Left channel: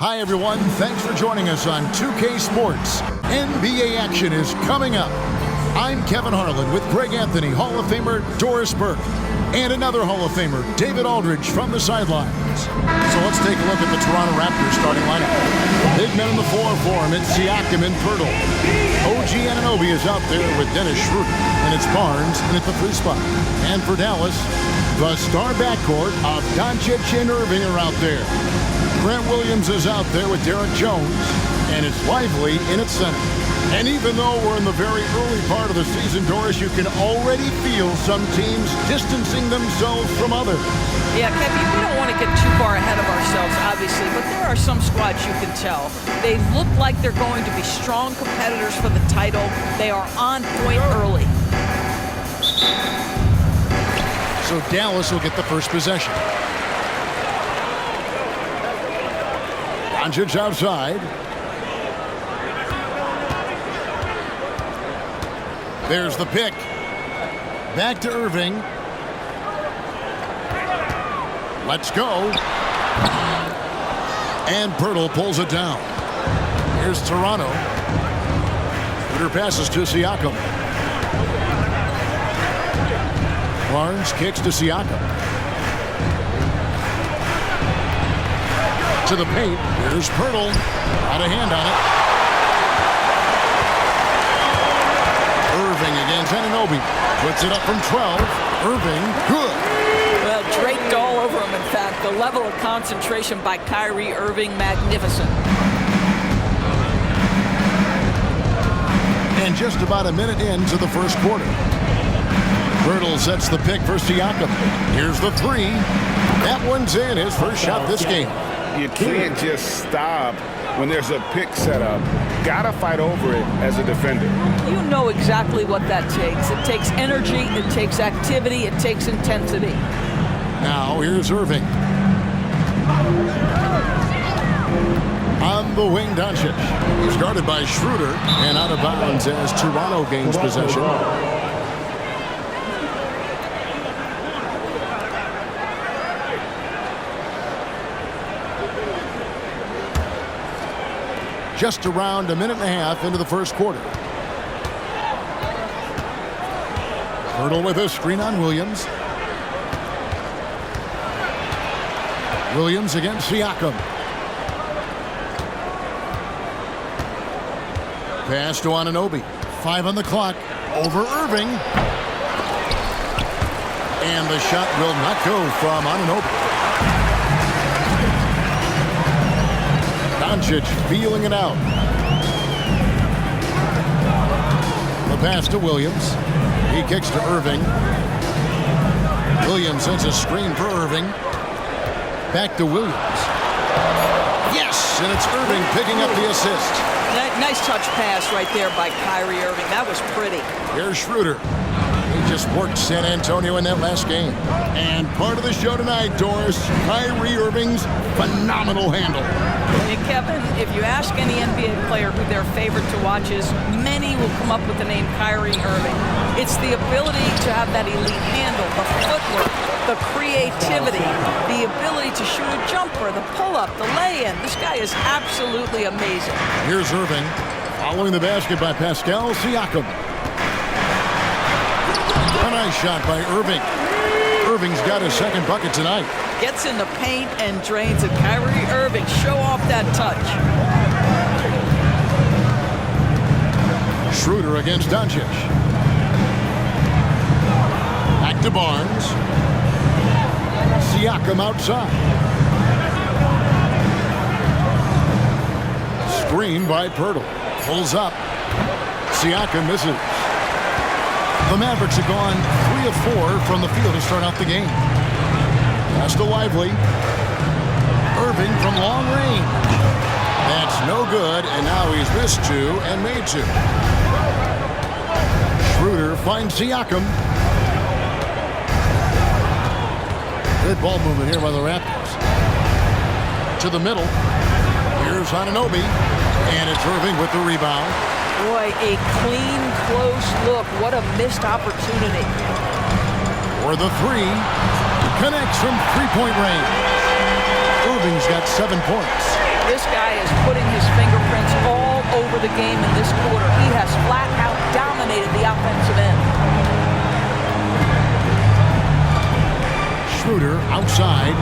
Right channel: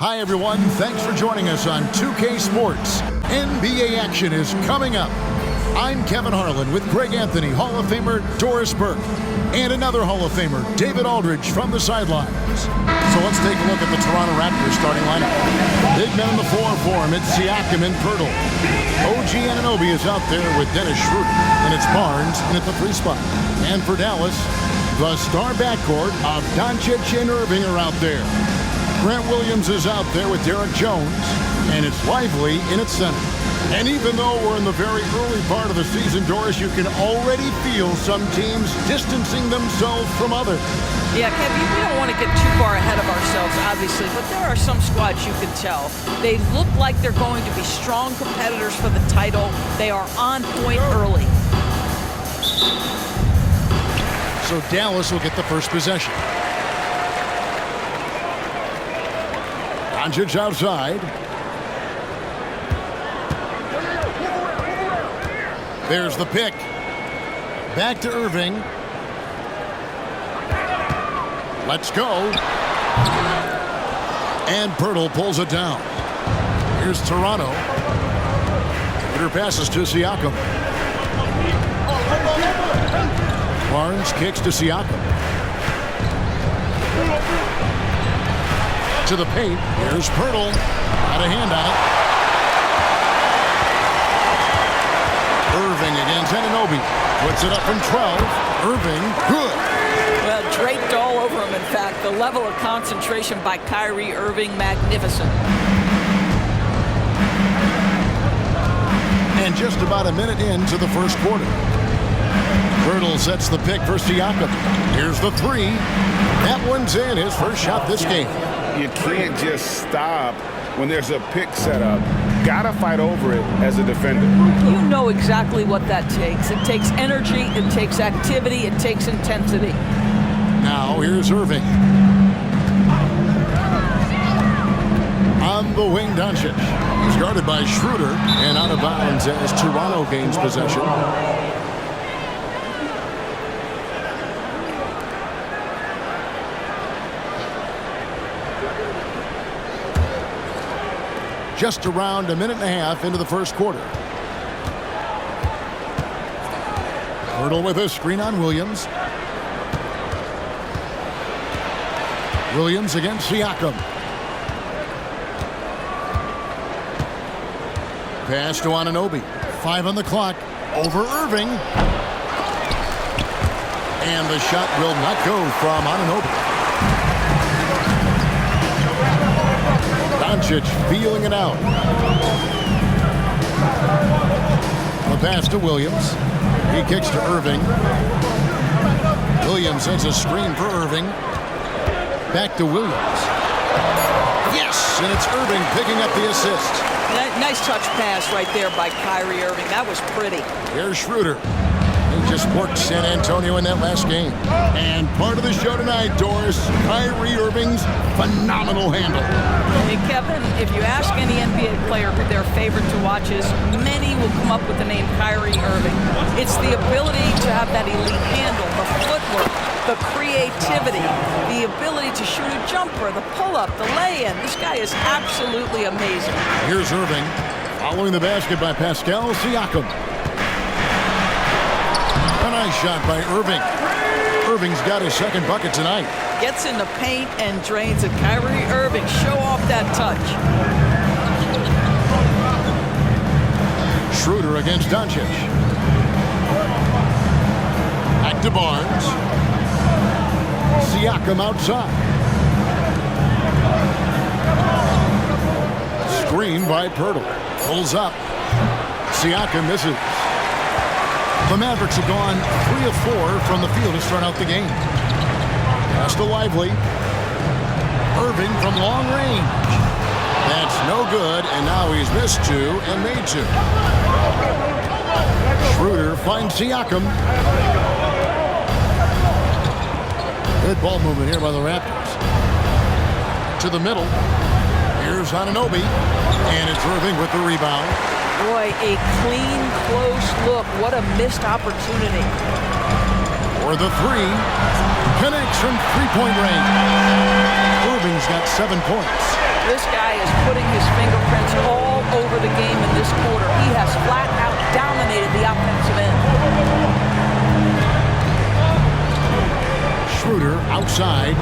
Hi, everyone. Thanks for joining us on 2K Sports. NBA action is coming up. I'm Kevin Harlan with Greg Anthony, Hall of Famer Doris Burke, and another Hall of Famer, David Aldridge, from the sidelines. So let's take a look at the Toronto Raptors starting lineup. Big men in the 4 for him. It's Siakam and Pirtle. OG Anunoby is out there with Dennis Schroeder, and it's Barnes in at the 3 spot. And for Dallas, the star backcourt of Doncic and Irving are out there. Grant Williams is out there with Derek Jones, and it's Lively in its center. And even though we're in the very early part of the season, Doris, you can already feel some teams distancing themselves from others. Yeah, Kevin, we don't want to get too far ahead of ourselves, obviously, but there are some squads you can tell. They look like they're going to be strong competitors for the title. They are on point early. So Dallas will get the first possession. Doncic outside. There's the pick. Back to Irving. Let's go. And Pirtle pulls it down. Here's Toronto. Shooter passes to Siakam. Barnes kicks to Siakam. To the paint. Here's Pirtle. Got a hand on it. Irving against Anunoby. Puts it up from 12. Irving, good. Well, draped all over him, in fact. The level of concentration by Kyrie Irving, magnificent. And just about a minute into the first quarter. Pirtle sets the pick for Siakam. Here's the 3. That one's in. His first shot this game. You can't just stop when there's a pick set up. Gotta fight over it as a defender. You know exactly what that takes. It takes energy, it takes activity, it takes intensity. Now here's Irving. On the wing, Doncic. He's guarded by Schroeder and out of bounds as Toronto gains possession. Just around a minute and a half into the first quarter. Pirtle with a screen on Williams. Williams against Siakam. Pass to Anunoby. 5 on the clock. Over Irving. And the shot will not go from Anunoby. Doncic feeling it out. The pass to Williams. He kicks to Irving. Williams sends a screen for Irving. Back to Williams. Yes, and it's Irving picking up the assist. Nice touch pass right there by Kyrie Irving. That was pretty. Here's Schroeder. He just worked San Antonio in that last game. And part of the show tonight, Doris, Kyrie Irving's phenomenal handle. Hey, Kevin, if you ask any NBA player who their favorite to watch is, many will come up with the name Kyrie Irving. It's the ability to have that elite handle, the footwork, the creativity, the ability to shoot a jumper, the pull-up, the lay-in. This guy is absolutely amazing. Here's Irving, following the basket by Pascal Siakam. A nice shot by Irving. Irving's got his second bucket tonight. Gets in the paint and drains it. Kyrie Irving, show off that touch. Schroeder against Doncic. Back to Barnes. Siakam outside. Screen by Pirtle. Pulls up. Siakam misses. The Mavericks have gone 3 of 4 from the field to start out the game. Pass to Lively. Irving from long range. That's no good, and now he's missed 2 and made 2. Schroeder finds Siakam. Good ball movement here by the Raptors. To the middle. Here's Anunoby, and it's Irving with the rebound. Boy, a clean, close look. What a missed opportunity. For the 3. Connects from three-point range. Irving's got 7 points. This guy is putting his fingerprints all over the game in this quarter. He has flat out dominated the offensive end. Schroeder outside.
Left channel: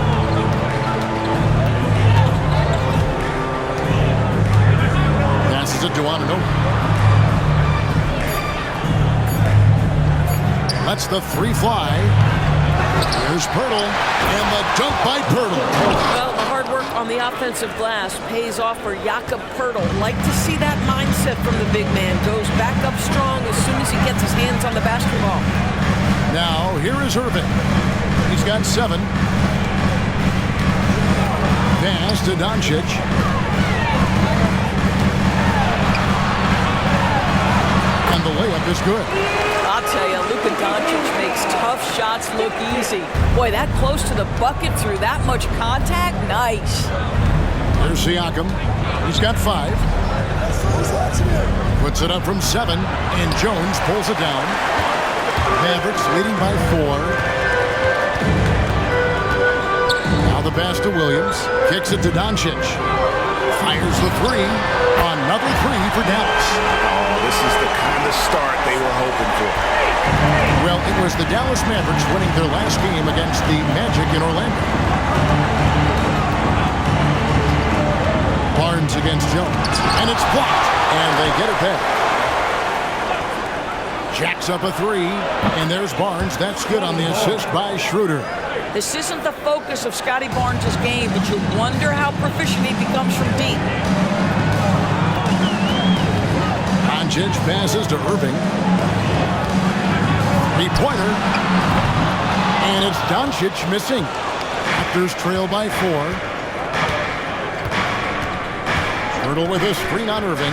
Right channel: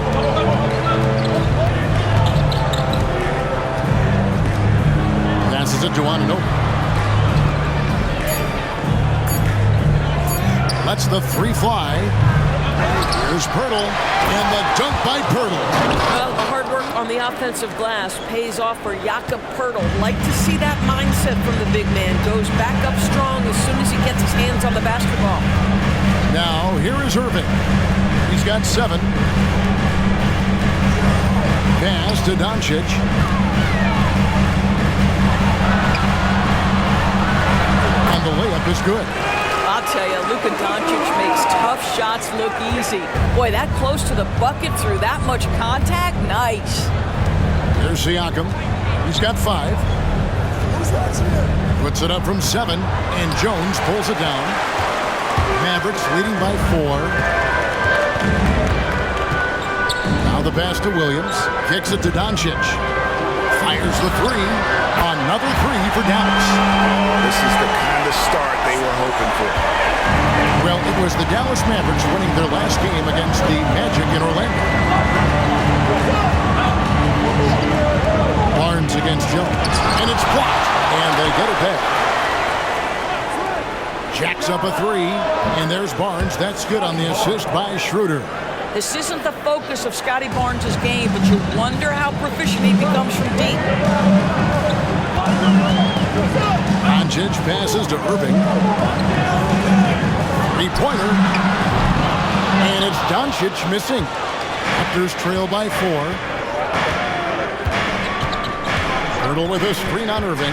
Passes it to Anunoby. Lets the three fly. Here's Pirtle, and the dunk by Pirtle. Well, the hard work on the offensive glass pays off for Jakob Pirtle. Like to see that mindset from the big man. Goes back up strong as soon as he gets his hands on the basketball. Now, here is Irving. He's got 7. Pass to Doncic. And the layup is good. I'll tell you, Luka Doncic makes tough shots look easy. Boy, that close to the bucket through that much contact, nice. Here's Siakam. He's got 5. Puts it up from 7, and Jones pulls it down. Mavericks leading by 4. Now the pass to Williams. Kicks it to Doncic. Fires the 3. Another 3 for Dallas. Oh, this is the kind of start they were hoping for. Well, it was the Dallas Mavericks winning their last game against the Magic in Orlando. Barnes against Jones. And it's blocked. And they get it back. Jacks up a 3. And there's Barnes. That's good on the assist by Schroeder. This isn't the focus of Scotty Barnes' game, but you wonder how proficient he becomes from deep. Doncic passes to Irving. 3-pointer. And it's Doncic missing. Raptors trail by 4. Pirtle with a screen on Irving.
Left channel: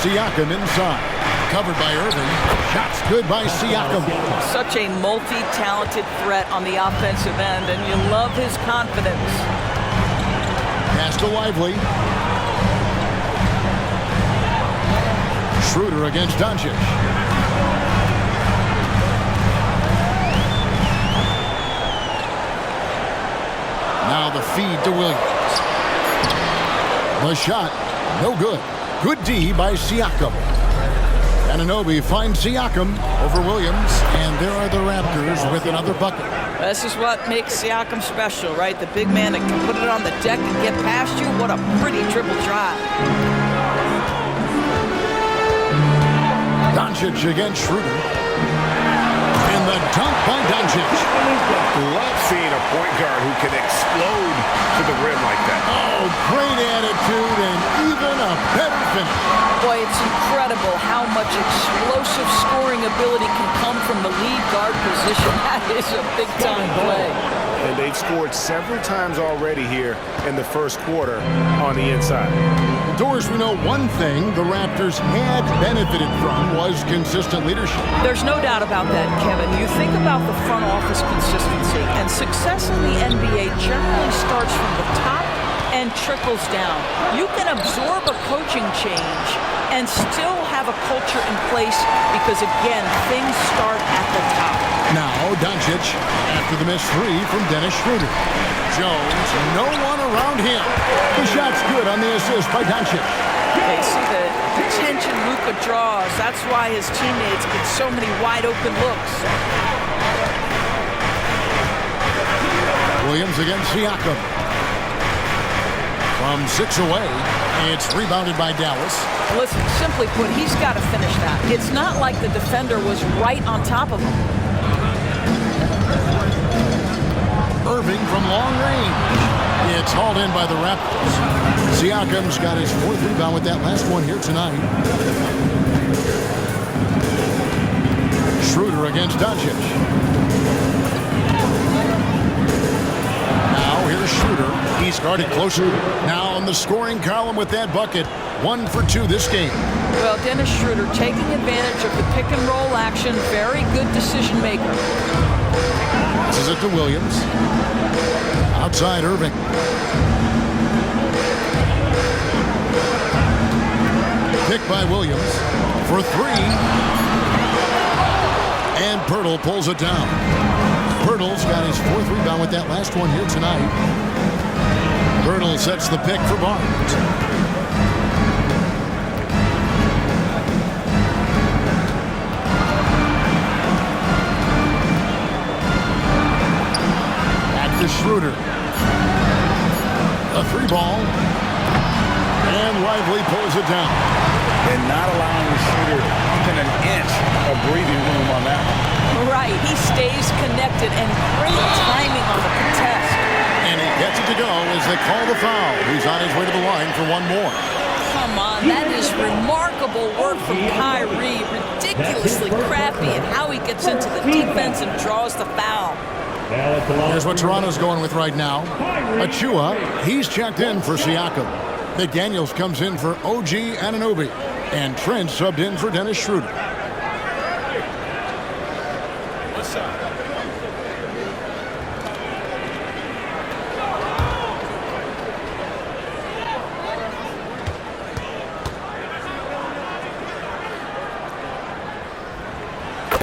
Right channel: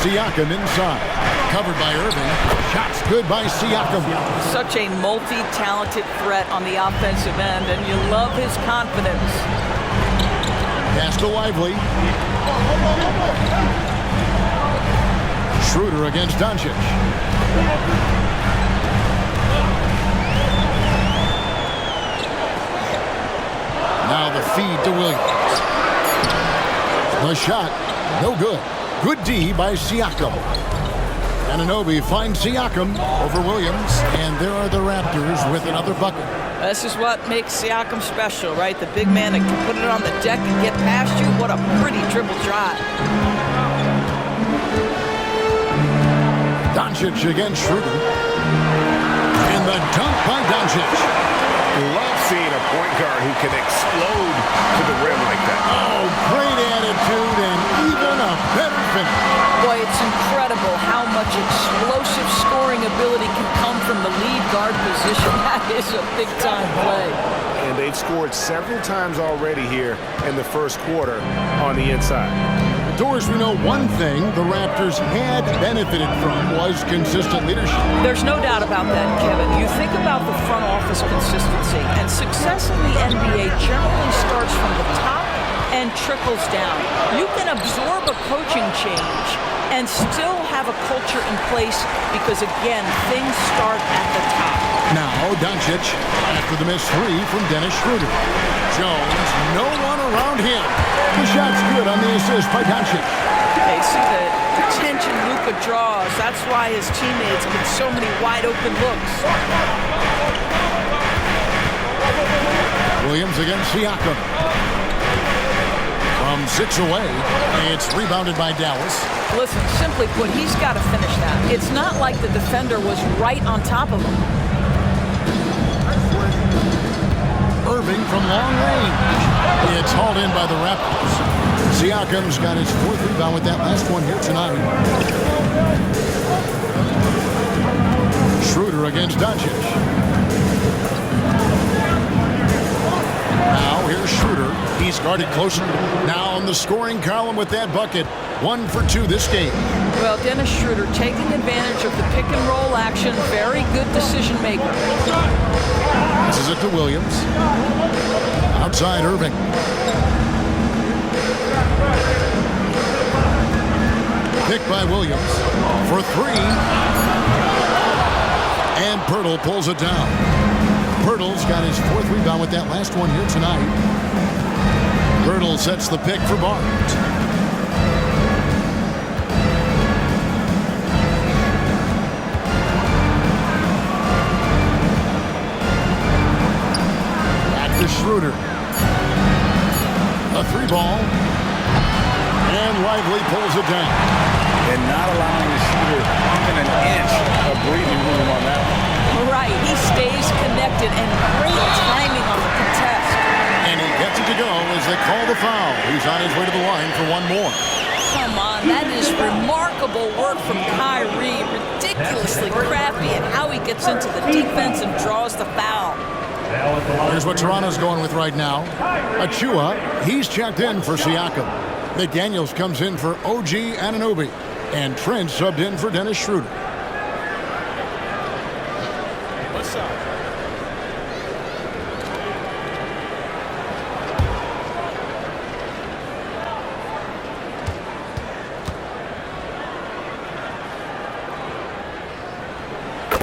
Siakam inside. Covered by Irving. Shots good by Siakam. Such a multi-talented threat on the offensive end, and you love his confidence. Pass to Lively. Schroeder against Doncic. Now the feed to Williams. The shot, no good. Good D by Siakam. Anunoby finds Siakam over Williams, and there are the Raptors with another bucket. This is what makes Siakam special, right? The big man that can put it on the deck and get past you. What a pretty dribble drive. Doncic against Schroeder. And the dunk by Doncic. Love seeing a point guard who can explode to the rim like that. Oh, great attitude and even a better finish. Boy, it's incredible how much explosive scoring ability can come from the lead guard position. That is a big-time play. And they've scored several times already here in the first quarter on the inside. Doors, we know one thing the Raptors had benefited from was consistent leadership. There's no doubt about that, Kevin. You think about the front office consistency, and success in the NBA generally starts from the top and trickles down. You can absorb a coaching change and still have a culture in place because, again, things start at the top. Now, Doncic, after the missed 3 from Dennis Schroeder. Jones, no one around him. The shot's good on the assist by Doncic. They see the attention Luka draws. That's why his teammates get so many wide-open looks. Williams against Siakam. From 6 away, it's rebounded by Dallas. Listen, simply put, he's got to finish that. It's not like the defender was right on top of him. Irving from long range. It's hauled in by the Raptors. Siakam's got his 4th rebound with that last one here tonight. Schroeder against Doncic. Now here's Schroeder. He's guarded closer. Now on the scoring column with that bucket. 1 for 2 this game. Well, Dennis Schroeder taking advantage of the pick and roll action. Very good decision maker. Passes it to Williams. Outside Irving. Picked by Williams for 3. And Pirtle pulls it down. Pirtle's got his 4th rebound with that last one here tonight. Pirtle sets the pick for Barnes. Back to Schroeder. A 3-ball. And Lively pulls it down. And not allowing the shooter even an inch of breathing room on that one. Right, he stays connected and great timing on the contest. And he gets it to go as they call the foul. He's on his way to the line for one more. Come on, that is remarkable work from Kyrie. Ridiculously crafty at how he gets into the defense and draws the foul. Here's what Toronto's going with right now. Achua, he's checked in for Siakam. McDaniels comes in for OG Anunoby. And Trent subbed in for Dennis Schroeder. What's up?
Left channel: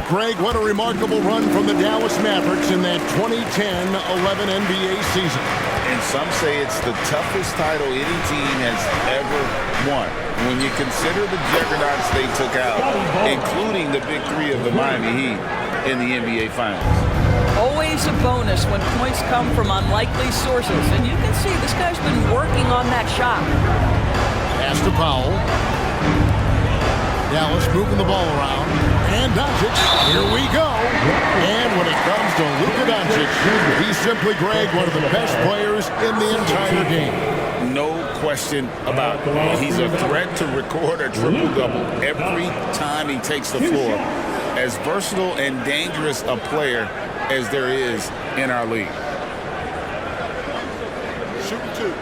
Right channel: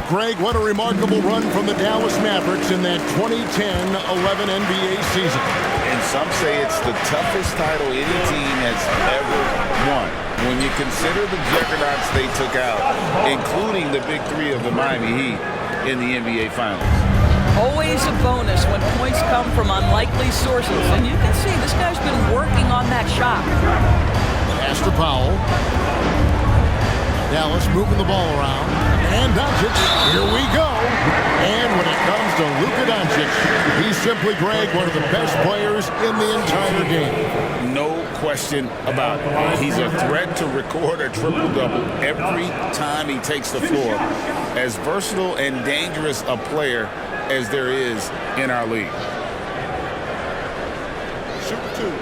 Greg, what a remarkable run from the Dallas Mavericks in that 2010-11 NBA season. And some say it's the toughest title any team has ever won. When you consider the juggernauts they took out, including the big 3 of the Miami Heat in the NBA Finals. Always a bonus when points come from unlikely sources. And you can see this guy's been working on that shot. Pass to Powell. Dallas moving the ball around. And Doncic, here we go. And when it comes to Luka Doncic, he's simply, Greg, one of the best players in the entire game. No question about it. He's a threat to record a triple-double every time he takes the floor. As versatile and dangerous a player as there is in our league. Shooting 2.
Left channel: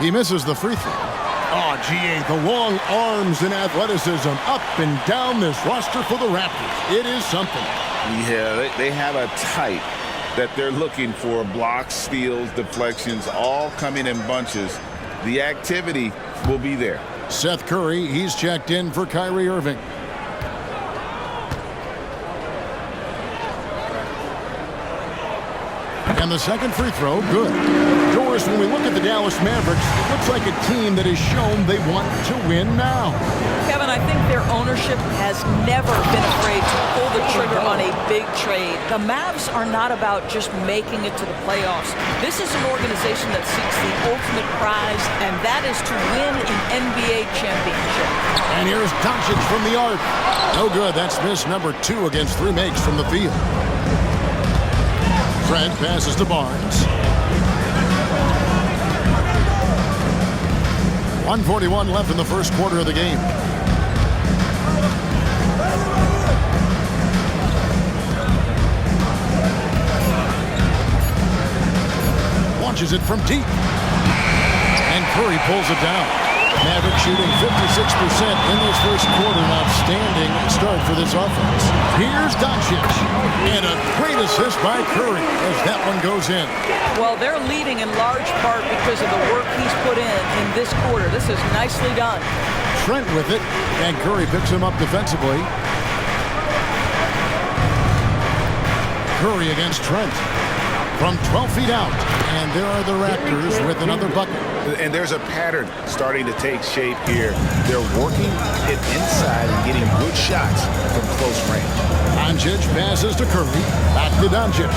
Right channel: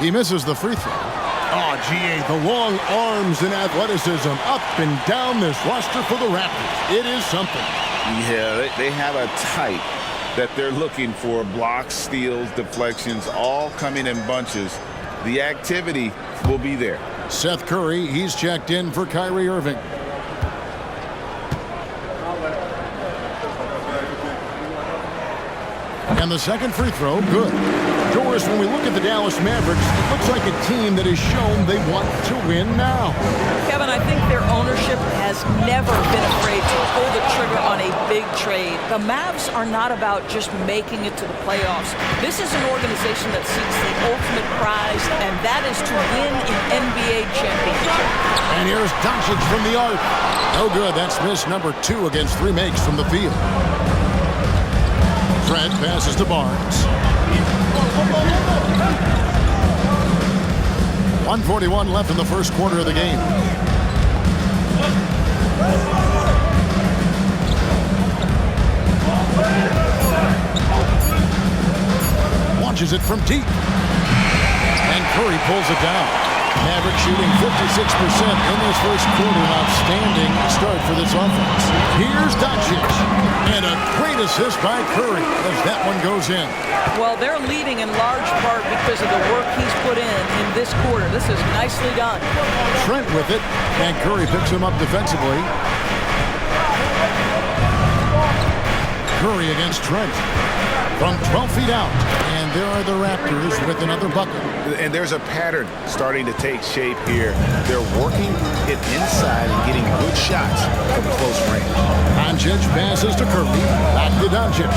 He misses the free throw. Oh, GA, the long arms and athleticism up and down this roster for the Raptors. It is something. Yeah, they have a type that they're looking for. Blocks, steals, deflections, all coming in bunches. The activity will be there. Seth Curry, he's checked in for Kyrie Irving. And the second free throw, good. Doris, when we look at the Dallas Mavericks, it looks like a team that has shown they want to win now. Kevin, I think their ownership has never been afraid to pull the trigger on a big trade. The Mavs are not about just making it to the playoffs. This is an organization that seeks the ultimate prize, and that is to win an NBA championship. And here's Doncic from the arc. No good. That's miss number 2 against 3 makes from the field. Trent passes to Barnes. 1:41 left in the first quarter of the game. Launches it from deep. And Curry pulls it down. Maverick shooting 56% in this first quarter. An outstanding start for this offense. Here's Doncic. And a great assist by Curry as that one goes in. Well, they're leading in large part because of the work he's put in this quarter. This is nicely done. Trent with it, and Curry picks him up defensively. Curry against Trent from 12 feet out. And there are the Raptors with another bucket. And there's a pattern starting to take shape here. They're working it inside and getting good shots from close range. Doncic passes to Curry. Back to Doncic.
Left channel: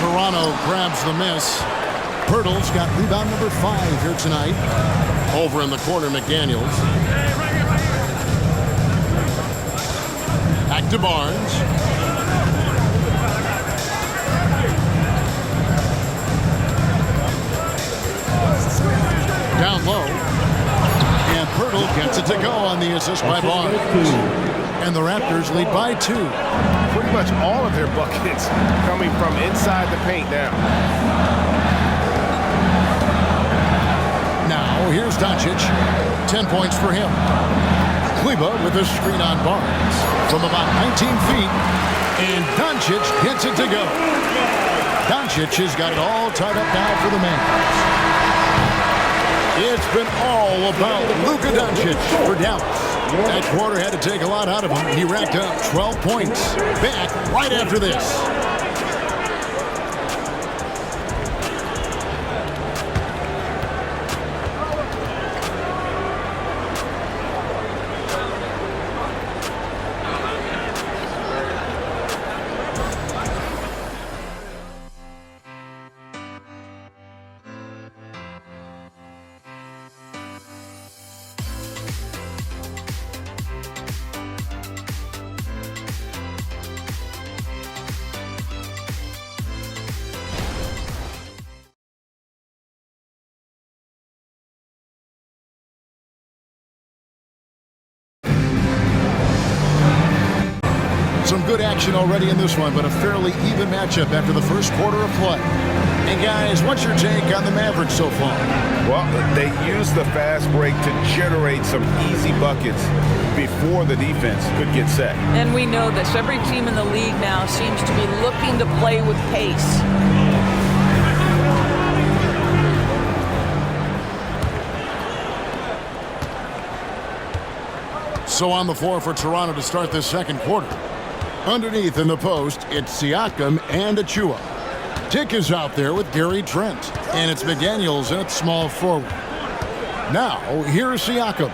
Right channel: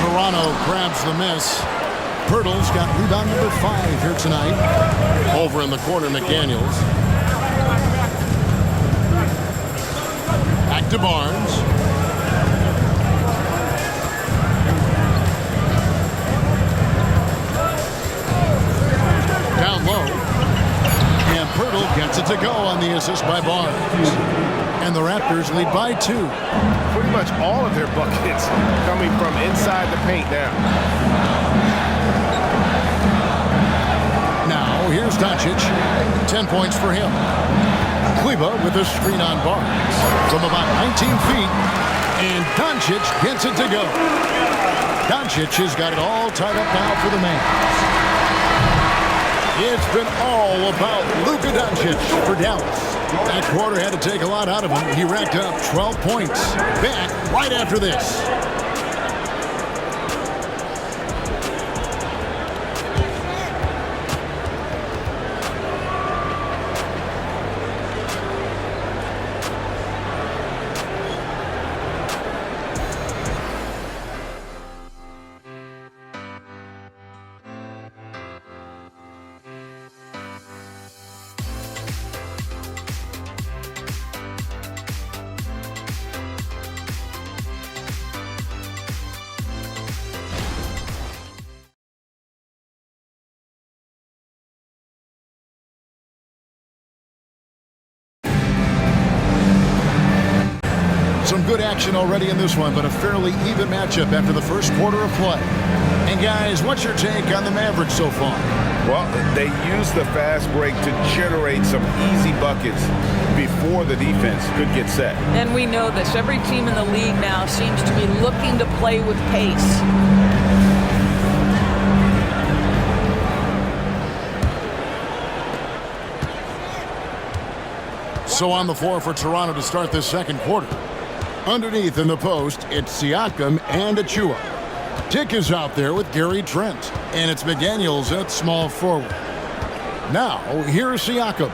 Toronto grabs the miss. Pirtle's got rebound number 5 here tonight. Over in the corner, McDaniels. Back to Barnes. Down low. And Pirtle gets it to go on the assist by Barnes. And the Raptors lead by 2. Pretty much all of their buckets coming from inside the paint now. Now, Now here's Doncic. 10 points for him. Kleba with a screen on Barnes from about 19 feet. And Doncic gets it to go. Doncic has got it all tied up now for the Mavs. It's been all about Luka Doncic for Dallas. That quarter had to take a lot out of him. He racked up 12 points. Back right after this. Some good action already in this one, but a fairly even matchup after the first quarter of play. And guys, what's your take on the Mavericks so far? Well, they used the fast break to generate some easy buckets before the defense could get set. And we know this. Every team in the league now seems to be looking to play with pace. So on the floor for Toronto to start this second quarter. Underneath in the post, it's Siakam and Achua. Dick is out there with Gary Trent, and it's McDaniels at small forward. Now, here's Siakam.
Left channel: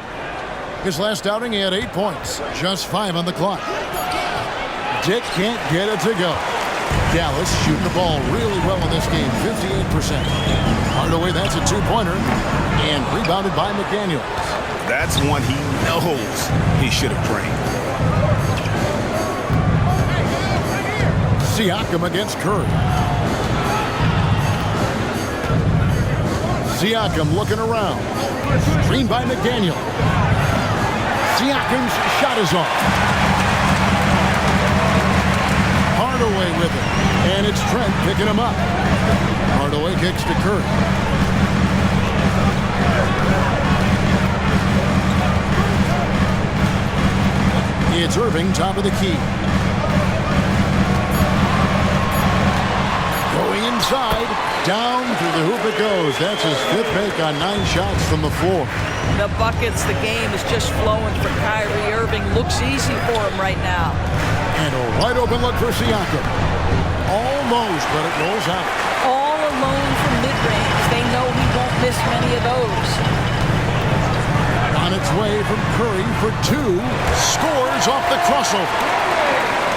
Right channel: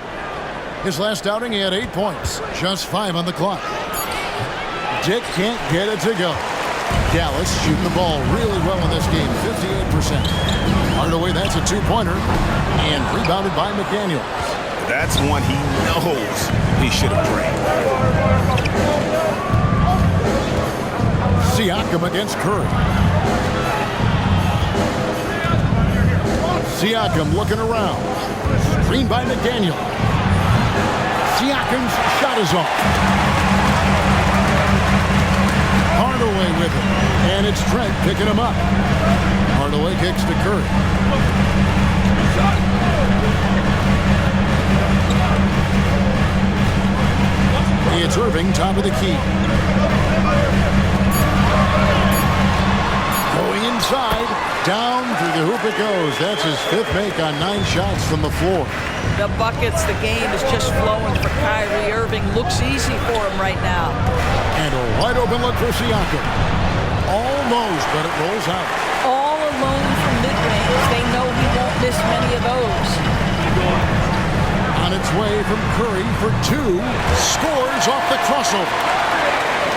His last outing, he had 8 points, just 5 on the clock. Dick can't get it to go. Dallas shooting the ball really well in this game, 58%. Hardaway, that's a two-pointer, and rebounded by McDaniels. That's one he knows he should have drained. Siakam against Curry. Siakam looking around. Screen by McDaniel. Siakam's shot is off. Hardaway with it. And it's Trent picking him up. Hardaway kicks to Curry. It's Irving, top of the key. Going inside, down through the hoop it goes. That's his 5th make on 9 shots from the floor. The buckets, the game is just flowing for Kyrie Irving. Looks easy for him right now. And a wide open look for Siakam. Almost, but it rolls out. All alone from mid-range. They know he won't miss many of those. On its way from Curry for 2. Scores off the crossover.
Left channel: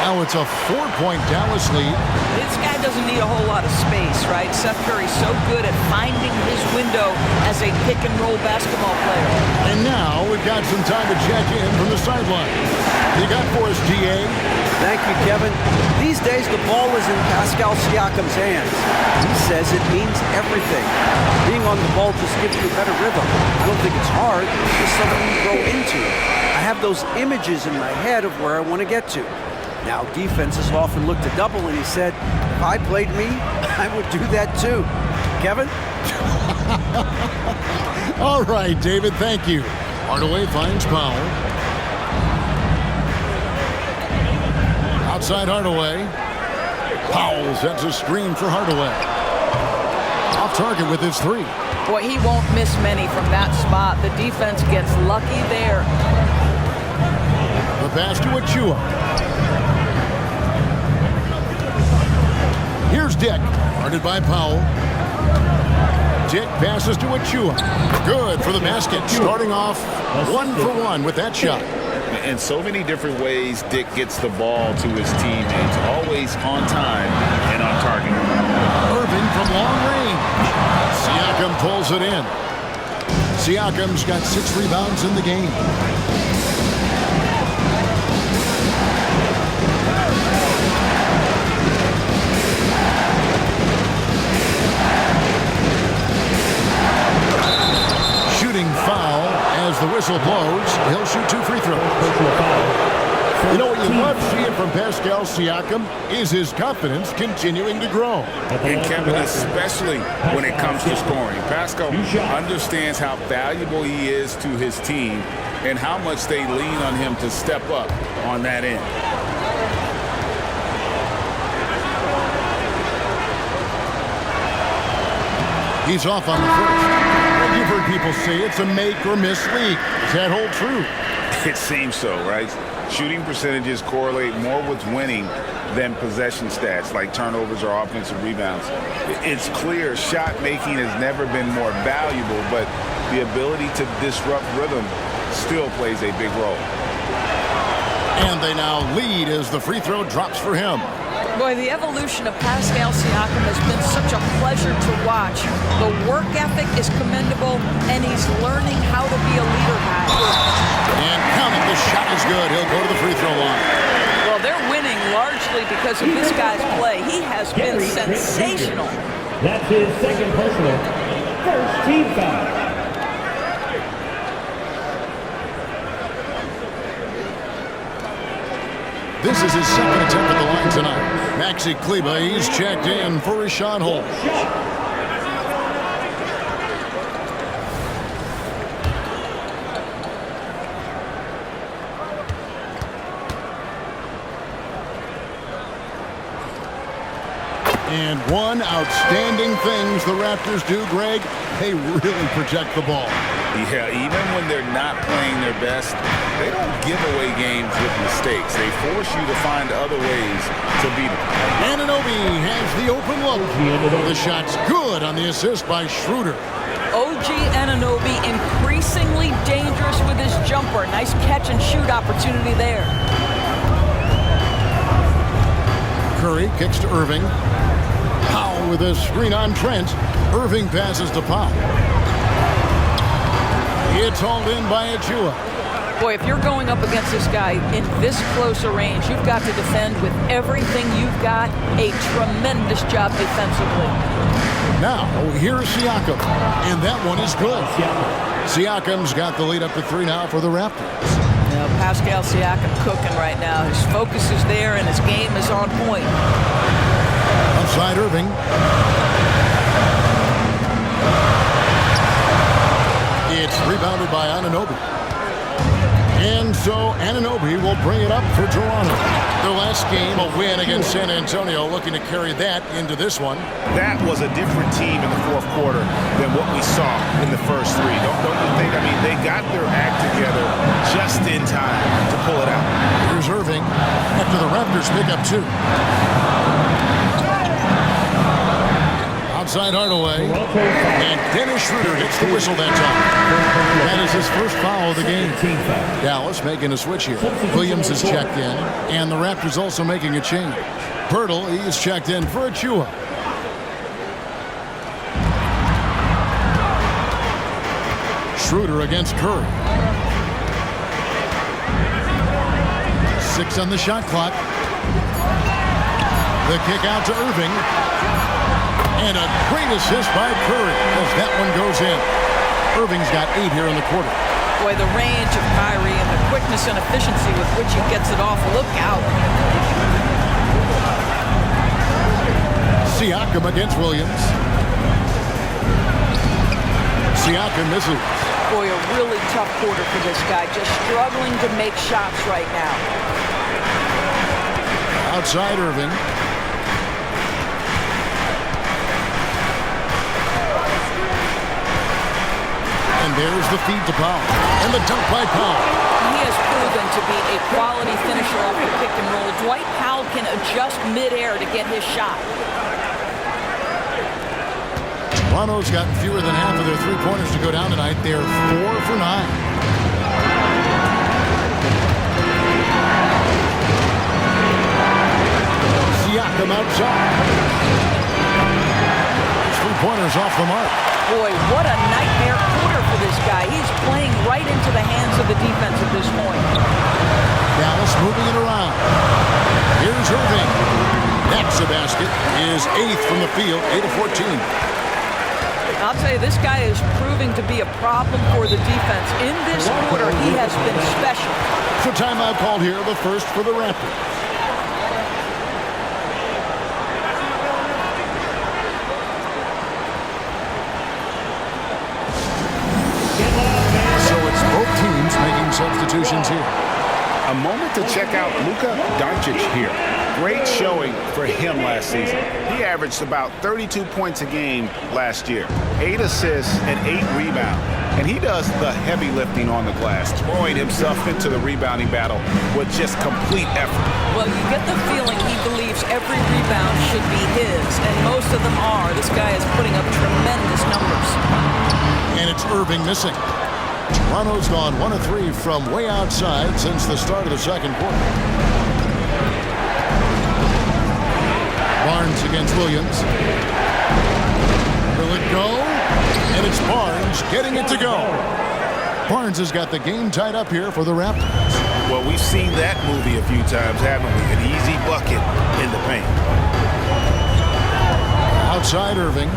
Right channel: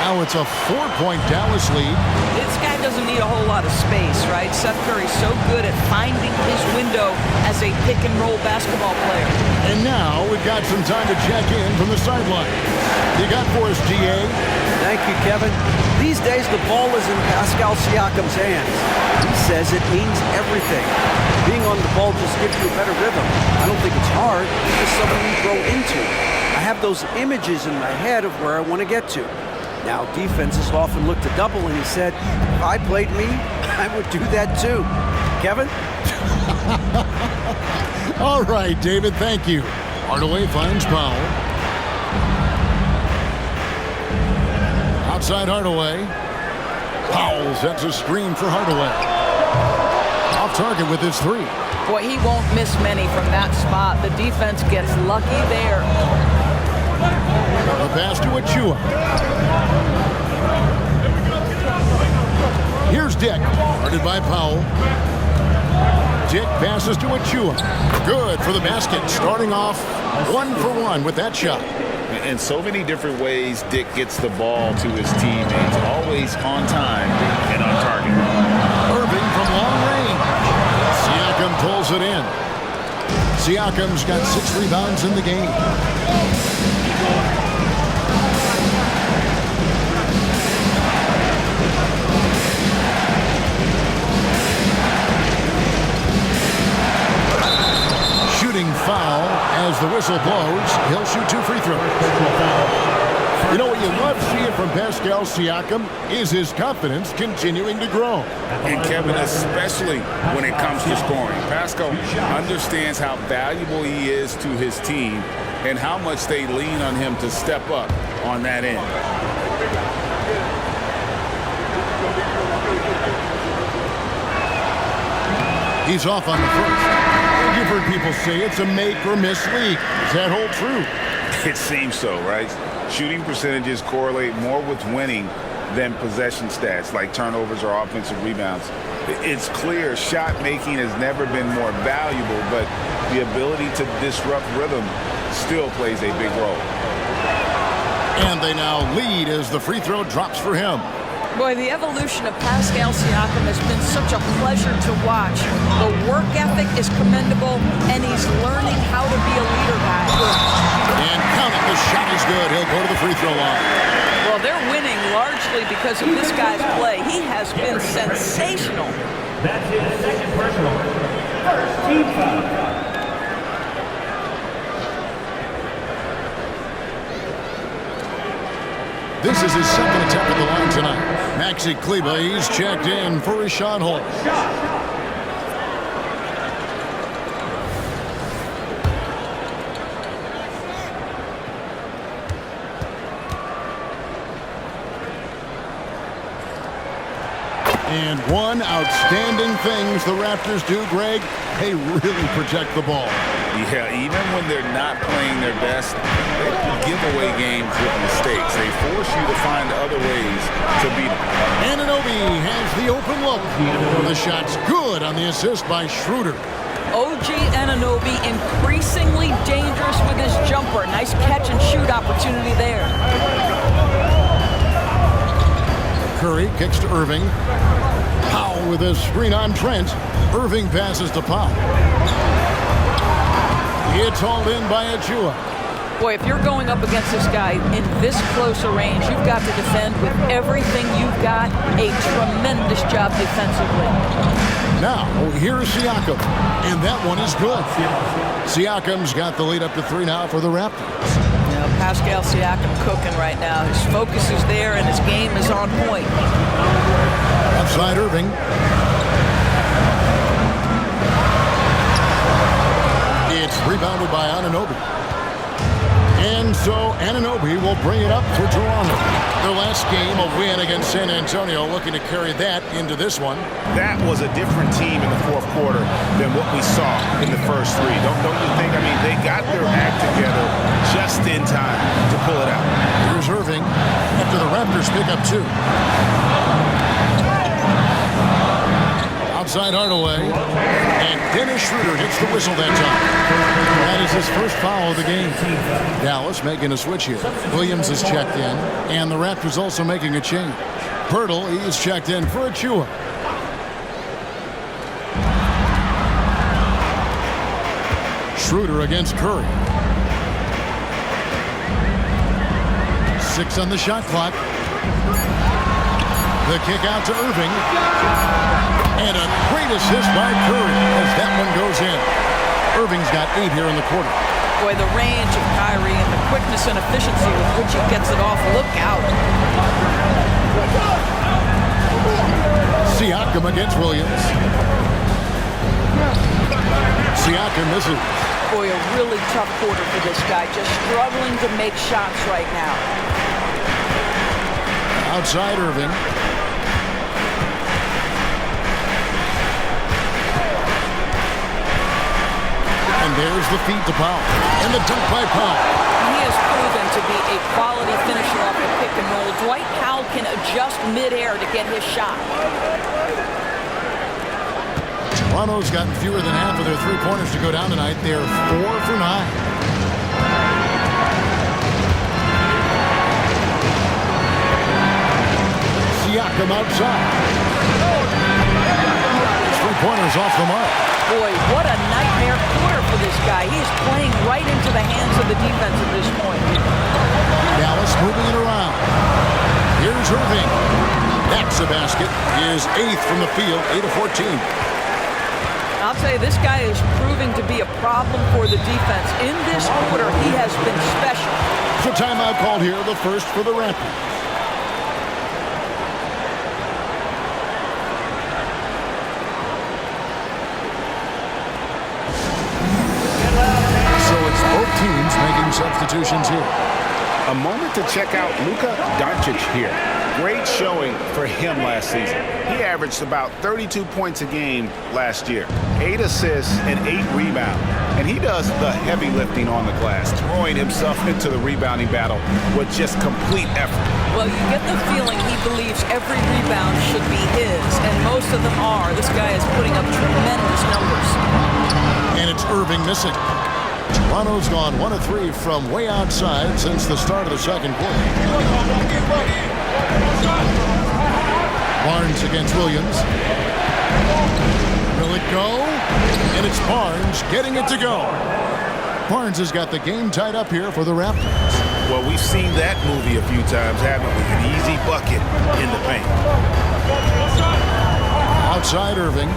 Now it's a 4-point Dallas lead. This guy doesn't need a whole lot of space, right? Seth Curry's so good at finding his window as a pick-and-roll basketball player. And now we've got some time to check in from the sideline. You got for us, DA? Thank you, Kevin. These days, the ball is in Pascal Siakam's hands. He says it means everything. Being on the ball just gives you a better rhythm. I don't think it's hard. It's just something you grow into. I have those images in my head of where I want to get to. Now, defenses often look to double, and he said, if I played me, I would do that too. Kevin? All right, David, thank you. Hardaway finds Powell. Outside Hardaway. Powell sets a screen for Hardaway. Off target with his 3. Boy, he won't miss many from that spot. The defense gets lucky there. The pass to Achua. Here's Dick, guarded by Powell. Dick passes to Achua. Good for the basket, starting off 1 for 1 with that shot. In so many different ways, Dick gets the ball to his teammates, always on time and on target. Irving from long range. Siakam pulls it in. Siakam's got 6 rebounds in the game. Foul as the whistle blows. He'll shoot 2 free throws. You know what you love seeing from Pascal Siakam is his confidence continuing to grow. And Kevin, especially when it comes to scoring. Pascal understands how valuable he is to his team and how much they lean on him to step up on that end. He's off on the first. You've heard people say it's a make or miss league. Does that hold true? It seems so, right? Shooting percentages correlate more with winning than possession stats like turnovers or offensive rebounds. It's clear shot making has never been more valuable, but the ability to disrupt rhythm still plays a big role. And they now lead as the free throw drops for him. Boy, the evolution of Pascal Siakam has been such a pleasure to watch. The work ethic is commendable, and he's learning how to be a leader, guys. And count it, the shot is good. He'll go to the free throw line. Well, they're winning largely because of this guy's play. He has been sensational. That's his second personal. First team foul. This is his second attempt at the line tonight. Maxi Kleba, he's checked in for his shot hole. And one outstanding things the Raptors do, Greg, they really protect the ball. Yeah, even when they're not playing their best, they don't give away games with mistakes. They force you to find other ways to beat them. Anunoby has the open look. The shot's good on the assist by Schroeder. OG Anunoby increasingly dangerous with his jumper. Nice catch and shoot opportunity there. Curry kicks to Irving. Powell with a screen on Trent. Irving passes to Powell. It's hauled in by Achua. Boy, if you're going up against this guy in this close a range, you've got to defend with everything you've got. A tremendous job defensively. Now, here's Siakam, and that one is good. Siakam's got the lead up to 3 now for the Raptors. You know, Pascal Siakam cooking right now. His focus is there, and his game is on point. Outside Irving. It's rebounded by Anunoby. And so Anunoby will bring it up for Toronto. Their last game, a win against San Antonio, looking to carry that into this one. That was a different team in the fourth quarter than what we saw in the first three. Don't you think? I mean, they got their act together just in time to pull it out. Here's Irving after the Raptors pick up 2. Outside Hardaway. And Dennis Schroeder gets the whistle that time. That is his first foul of the game. Dallas making a switch here. Williams is checked in, and the Raptors also making a change. Pirtle, he's checked in for Achua. Schroeder against Curry. 6 on the shot clock. The kick out to Irving. And a great assist by Curry as that one goes in. Irving's got 8 here in the quarter. Boy, the range of Kyrie and the quickness and efficiency with which he gets it off. Look out. Siakam against Williams. Siakam misses. Boy, a really tough quarter for this guy. Just struggling to make shots right now. Outside Irving. And there's the feed to Powell. And the dunk by Powell. He has proven to be a quality finisher off the pick and roll. Dwight Powell can adjust midair to get his shot. Toronto's gotten fewer than half of their 3-pointers to go down tonight. They're 4 for 9. Siakam outside. His 3-pointers off the mark. Boy, what a nightmare quarter for this guy. He's playing right into the hands of the defense at this point. Dallas moving it around. Here's Irving. That's a basket. His 8th from the field, 8 of 14. I'll tell you, this guy is proving to be a problem for the defense. In this quarter, he has been special. So timeout called here, the first for the Raptors. So it's both teams making substitutions here. A moment to check out Luka Doncic here. Great showing for him last season. He averaged about 32 points a game last year, 8 assists and 8 rebounds. And he does the heavy lifting on the glass, throwing himself into the rebounding battle with just complete effort. Well, you get the feeling he believes every rebound should be his, and most of them are. This guy is putting up tremendous numbers. And it's Irving missing. Toronto's gone 1 of 3 from way outside since the start of the second quarter. Barnes against Williams. Will it go? And it's Barnes getting it to go. Barnes has got the game tied up here for the Raptors. Well, we've seen that movie a few times, haven't we? An easy bucket in the paint. Outside Irving.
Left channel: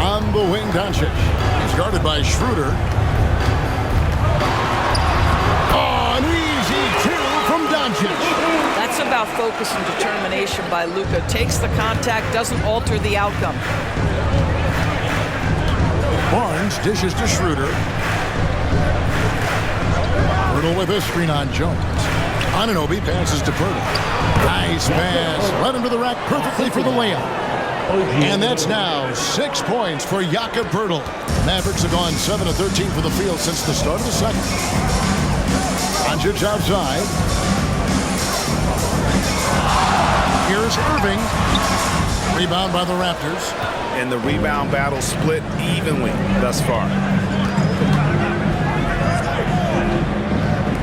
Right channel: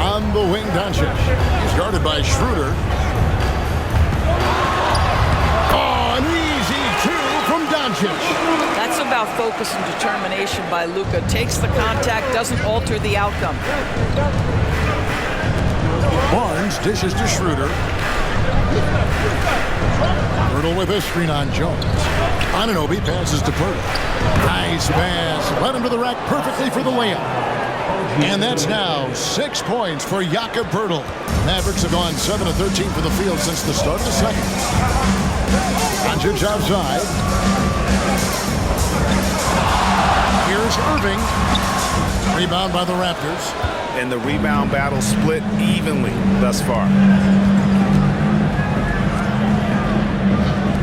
On the wing, Doncic. He's guarded by Schroeder. Oh, an easy 2 from Doncic. That's about focus and determination by Luka. Takes the contact, doesn't alter the outcome. Barnes dishes to Schroeder. Pirtle with a screen on Jones. Anunoby passes to Pirtle. Nice pass. Led him to the rack perfectly for the layup. And that's now 6 points for Jakob Pirtle. Mavericks have gone 7 of 13 for the field since the start of the second. Doncic outside. Here's Irving. Rebound by the Raptors. And the rebound battle split evenly thus far.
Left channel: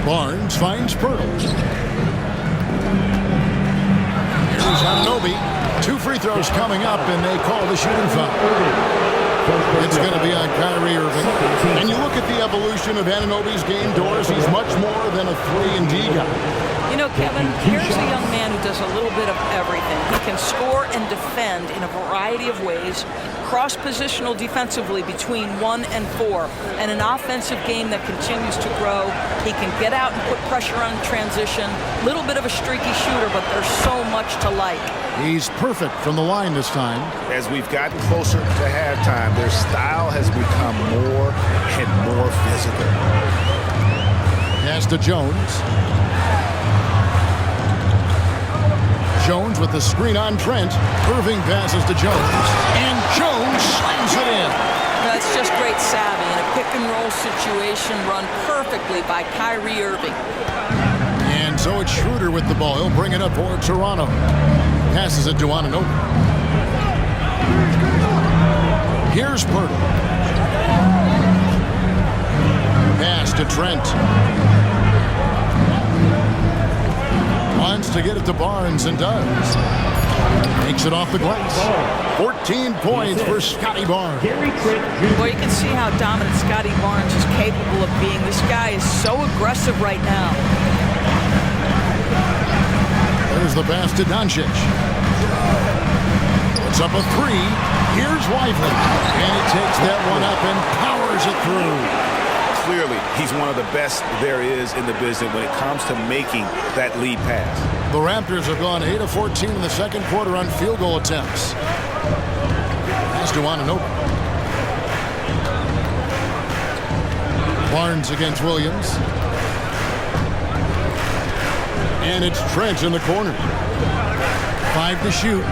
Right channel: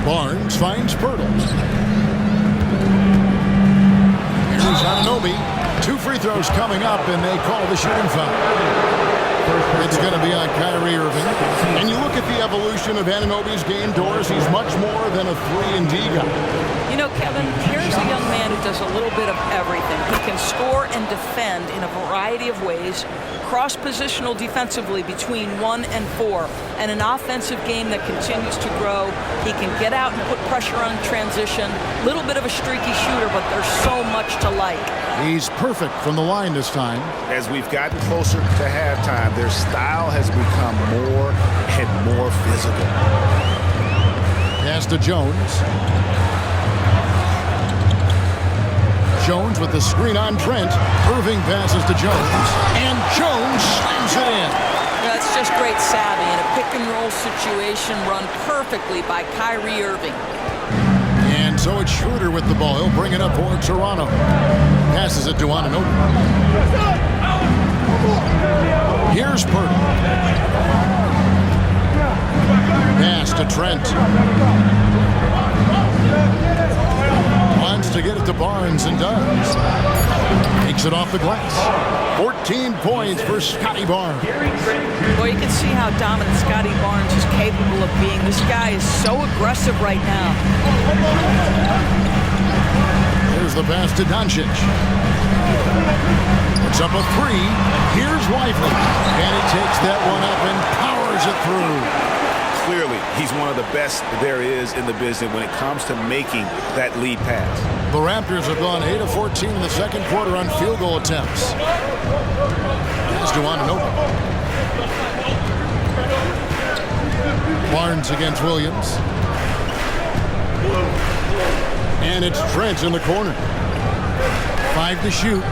Barnes finds Pirtle. Here's Anunoby. 2 free throws coming up, and they call the shooting foul. It's going to be on Kyrie Irving. And you look at the evolution of Anunoby's game, Doris, he's much more than a 3-and-D guy. You know, Kevin, here's a young man who does a little bit of everything. He can score and defend in a variety of ways, cross-positional defensively between 1 and 4, and an offensive game that continues to grow. He can get out and put pressure on transition. Little bit of a streaky shooter, but there's so much to like. He's perfect from the line this time. As we've gotten closer to halftime, their style has become more and more physical. Pass to Jones. Jones with the screen on Trent. Irving passes to Jones. And Jones slams it in. That's just great savvy in a pick-and-roll situation run perfectly by Kyrie Irving. And so it's Schroeder with the ball. He'll bring it up for Toronto. Passes it to Anunoby. Here's Pirtle. Pass to Trent. Wants to get it to Barnes and does. Takes it off the glass. 14 points for Scotty Barnes. Well, you can see how dominant Scotty Barnes is capable of being. This guy is so aggressive right now. There's the pass to Doncic. Puts up a 3. Here's Lively. And he takes that one up and powers it through. Clearly, he's one of the best there is in the business when it comes to making that lead pass. The Raptors have gone 8 of 14 in the second quarter on field goal attempts. Pass to Anunoby. Barnes against Williams. And it's Trent in the corner. 5 to shoot.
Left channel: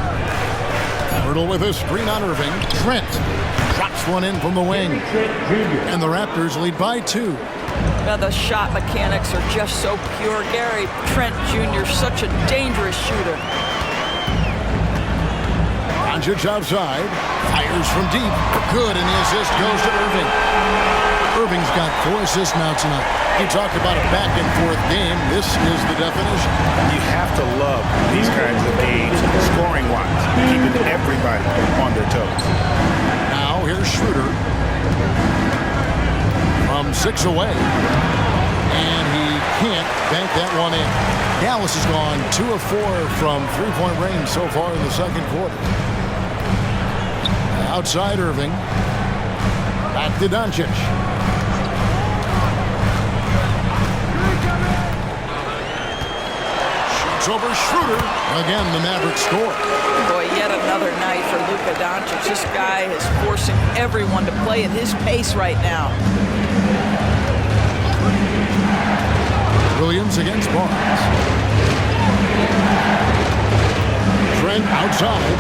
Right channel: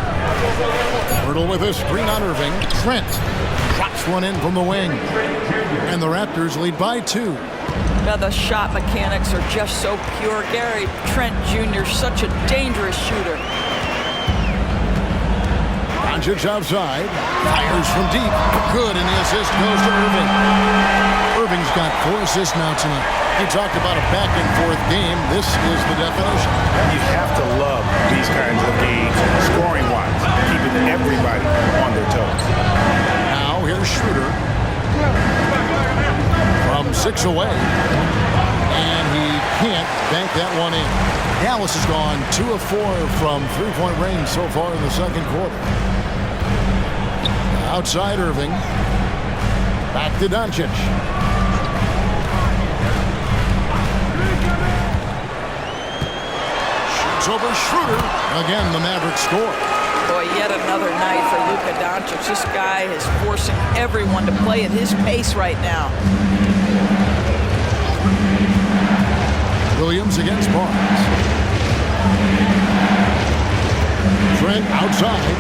Pirtle with a screen on Irving. Trent drops one in from the wing. And the Raptors lead by 2. Now the shot mechanics are just so pure. Gary Trent Jr., such a dangerous shooter. Doncic outside. Fires from deep. Good, and the assist goes to Irving. Irving's got 4 assists now tonight. He talked about a back-and-forth game. This is the definition. You have to love these kinds of games, scoring-wise, keeping everybody on their toes. Now here's Schroeder from 6 away. And he can't bank that one in. Dallas has gone 2 of 4 from 3-point range so far in the second quarter. Outside Irving. Back to Doncic. Shoots over Schroeder. Again, the Mavericks score. Boy, yet another night for Luka Doncic. This guy is forcing everyone to play at his pace right now. Williams against Barnes. Trent outside.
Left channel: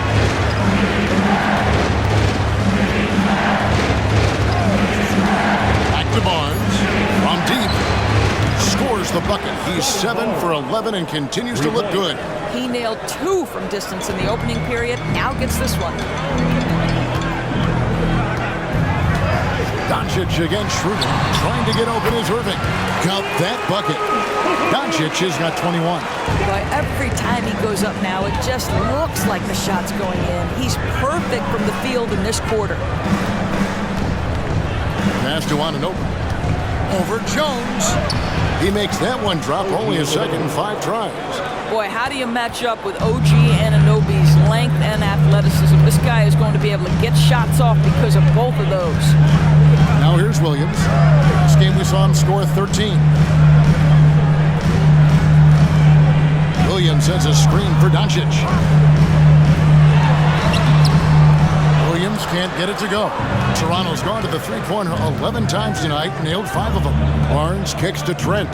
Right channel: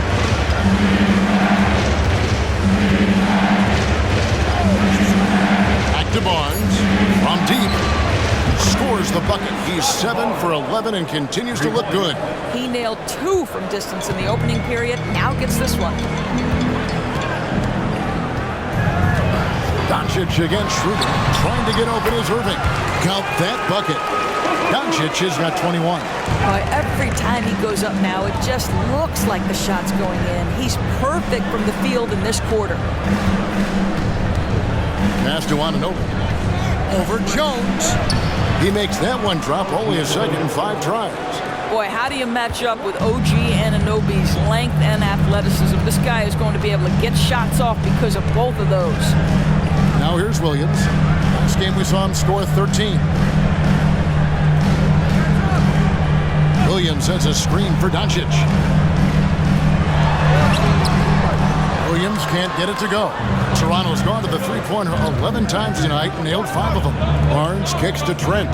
Back to Barnes. From deep. Scores the bucket. He's 7 for 11 and continues to look good. He nailed 2 from distance in the opening period. Now gets this one. Doncic against Schroeder. Trying to get open is Irving. Count that bucket. Doncic has got 21. Boy, every time he goes up now, it just looks like the shot's going in. He's perfect from the field in this quarter. Pass to Anunoby. Over Jones. He makes that one drop, only a second and 5 tries. Boy, how do you match up with OG Anunoby's length and athleticism? This guy is going to be able to get shots off because of both of those. Now here's Williams. Last game we saw him score 13. Williams sends a screen for Doncic. Williams can't get it to go. Toronto's gone to the three-pointer 11 times tonight, nailed 5 of them. Barnes kicks to Trent.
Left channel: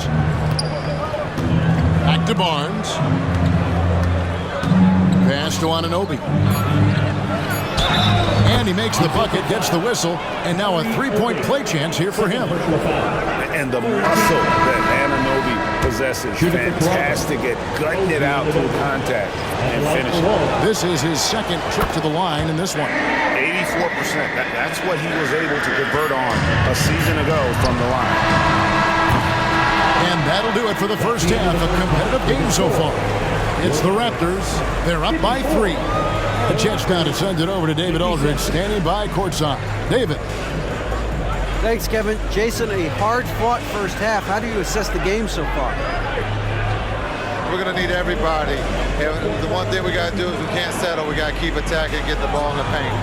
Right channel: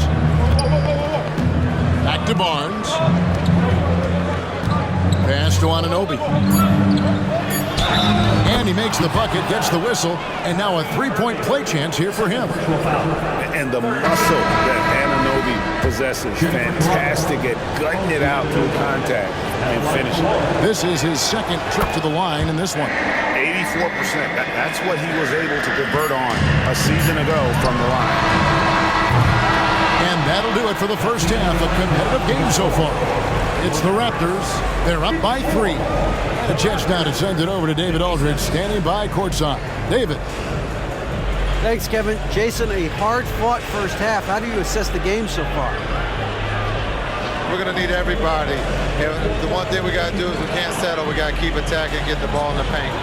Back to Barnes. Pass to Anunoby. And he makes the bucket, gets the whistle, and now a three-point play chance here for him. And the muscle that Anunoby possesses, fantastic at gutting it out through contact and finishing. This is his second trip to the line in this one. 84%. That's what he was able to convert on a season ago from the line. And that'll do it for the first half. A competitive game so far. It's the Raptors. They're up by 3. And a chance now to send it over to David Aldridge, standing by courtside. David. Thanks, Kevin. Jason, a hard-fought first half. How do you assess the game so far? We're going to need everybody. And the one thing we got to do is we can't settle. We got to keep attacking and get the ball in the paint.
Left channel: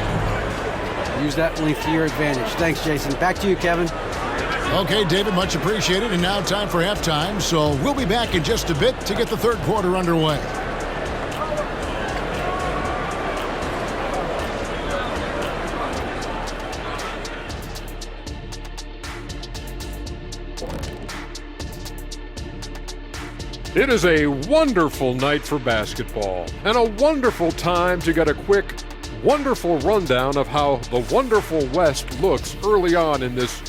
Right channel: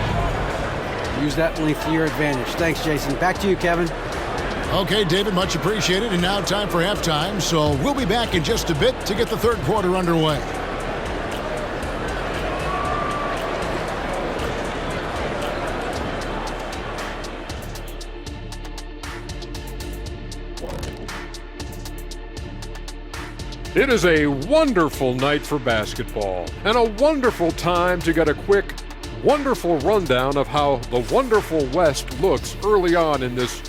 Use that length to your advantage. Thanks, Jason. Back to you, Kevin. Okay, David, much appreciated. And now time for halftime. So we'll be back in just a bit to get the third quarter underway. It is a wonderful night for basketball and a wonderful time to get a quick, wonderful rundown of how the wonderful West looks early on in this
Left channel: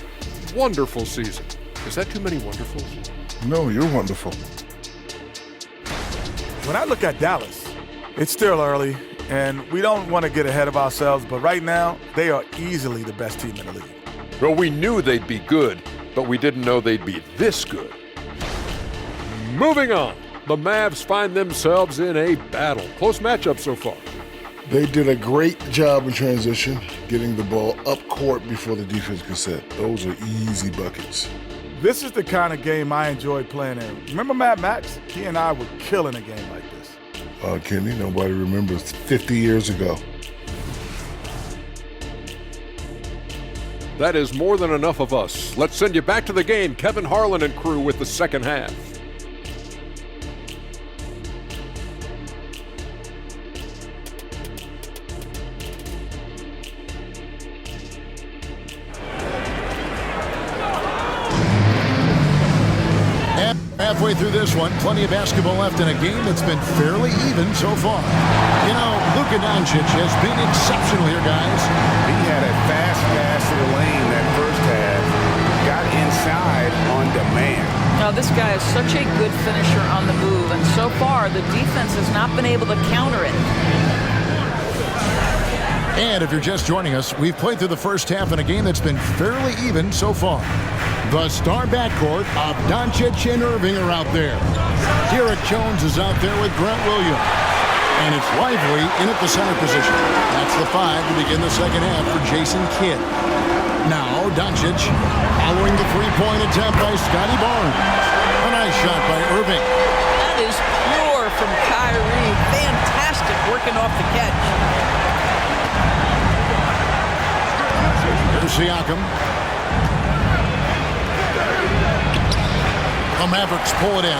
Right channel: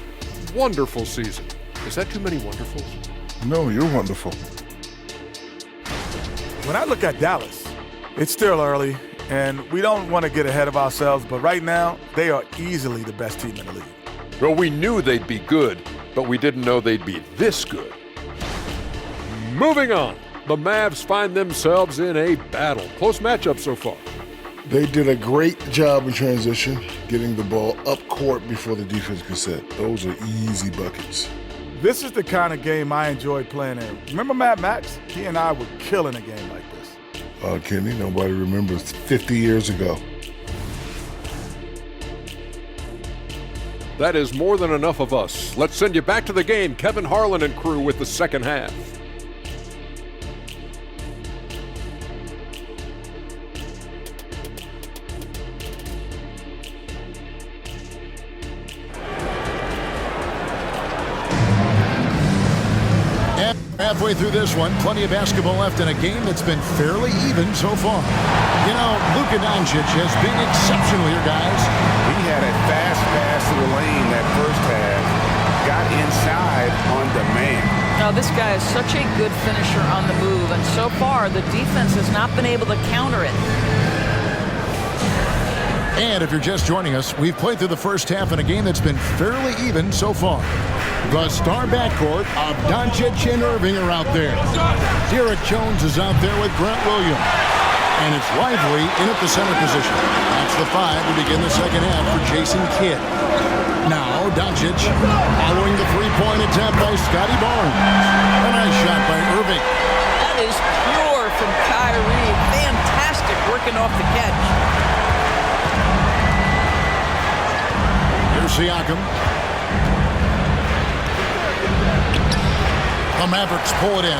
wonderful season. Is that too many wonderfuls? No, you're wonderful. When I look at Dallas, it's still early, and we don't want to get ahead of ourselves, but right now, they are easily the best team in the league. Well, we knew they'd be good, but we didn't know they'd be this good. Moving on, the Mavs find themselves in a battle. Close matchup so far. They did a great job in transition, getting the ball up court before the defense could set. Those are easy buckets. This is the kind of game I enjoy playing in. Remember Mad Max? He and I were killing a game like this. Kenny, nobody remembers 50 years ago. That is more than enough of us. Let's send you back to the game, Kevin Harlan and crew with the second half. Halfway through this one, plenty of basketball left in a game that's been fairly even so far. You know, Luka Doncic has been exceptional here, guys. He had a fast pass to the lane that first half, got inside on demand. Now, this guy is such a good finisher on the move, and so far, the defense has not been able to counter it. And if you're just joining us, we've played through the first half in a game that's been fairly even so far. The star backcourt of Doncic and Irving are out there. Derek Jones is out there with Grant Williams. And it's Lively in at the center position. That's the 5 to begin the second half for Jason Kidd. Now Doncic following the three-point attempt by Scotty Barnes. A nice shot by Irving. That is pure from Kyrie. Fantastic working off the catch. Here's Siakam. The Mavericks pull it in.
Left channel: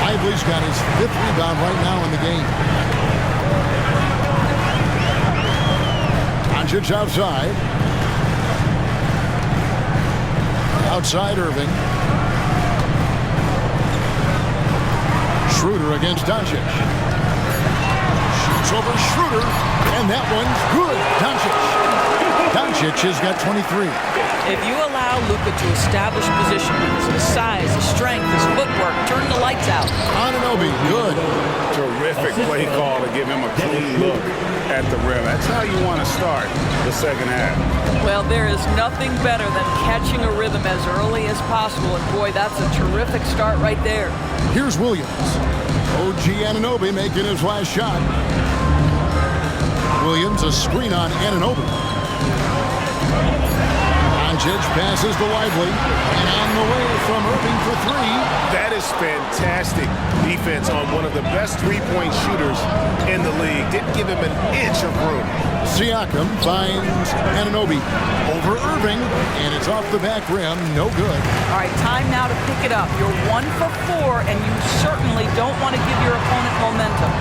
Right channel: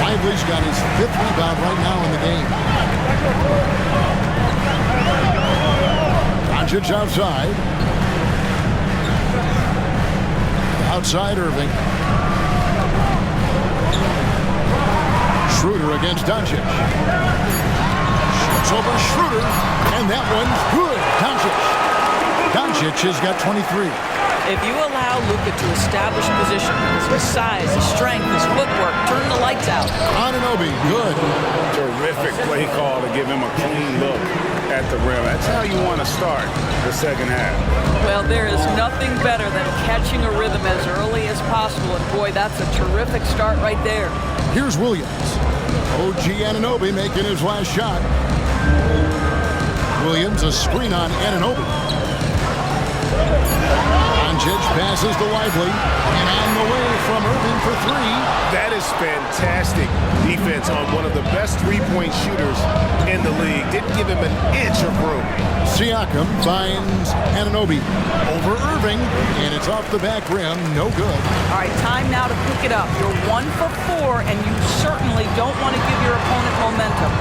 Lively's got his 5th rebound right now in the game. Doncic outside. Outside Irving. Schroeder against Doncic. Shoots over Schroeder, and that one's good. Doncic has got 23. If you allow Luka to establish position because of his size, his strength, his footwork, turn the lights out. Anunoby, good. Terrific play call to give him a clean look at the rim. That's how you want to start the second half. Well, there is nothing better than catching a rhythm as early as possible, and boy, that's a terrific start right there. Here's Williams. OG Anunoby making his last shot. Williams, a screen on Anunoby. Doncic passes to Lively, and on the way from Irving for 3. That is fantastic defense on one of the best three-point shooters in the league. Didn't give him an inch of room. Siakam finds Anunoby over Irving, and it's off the back rim, no good. All right, time now to pick it up. You're 1 for 4, and you certainly don't want to give your opponent momentum.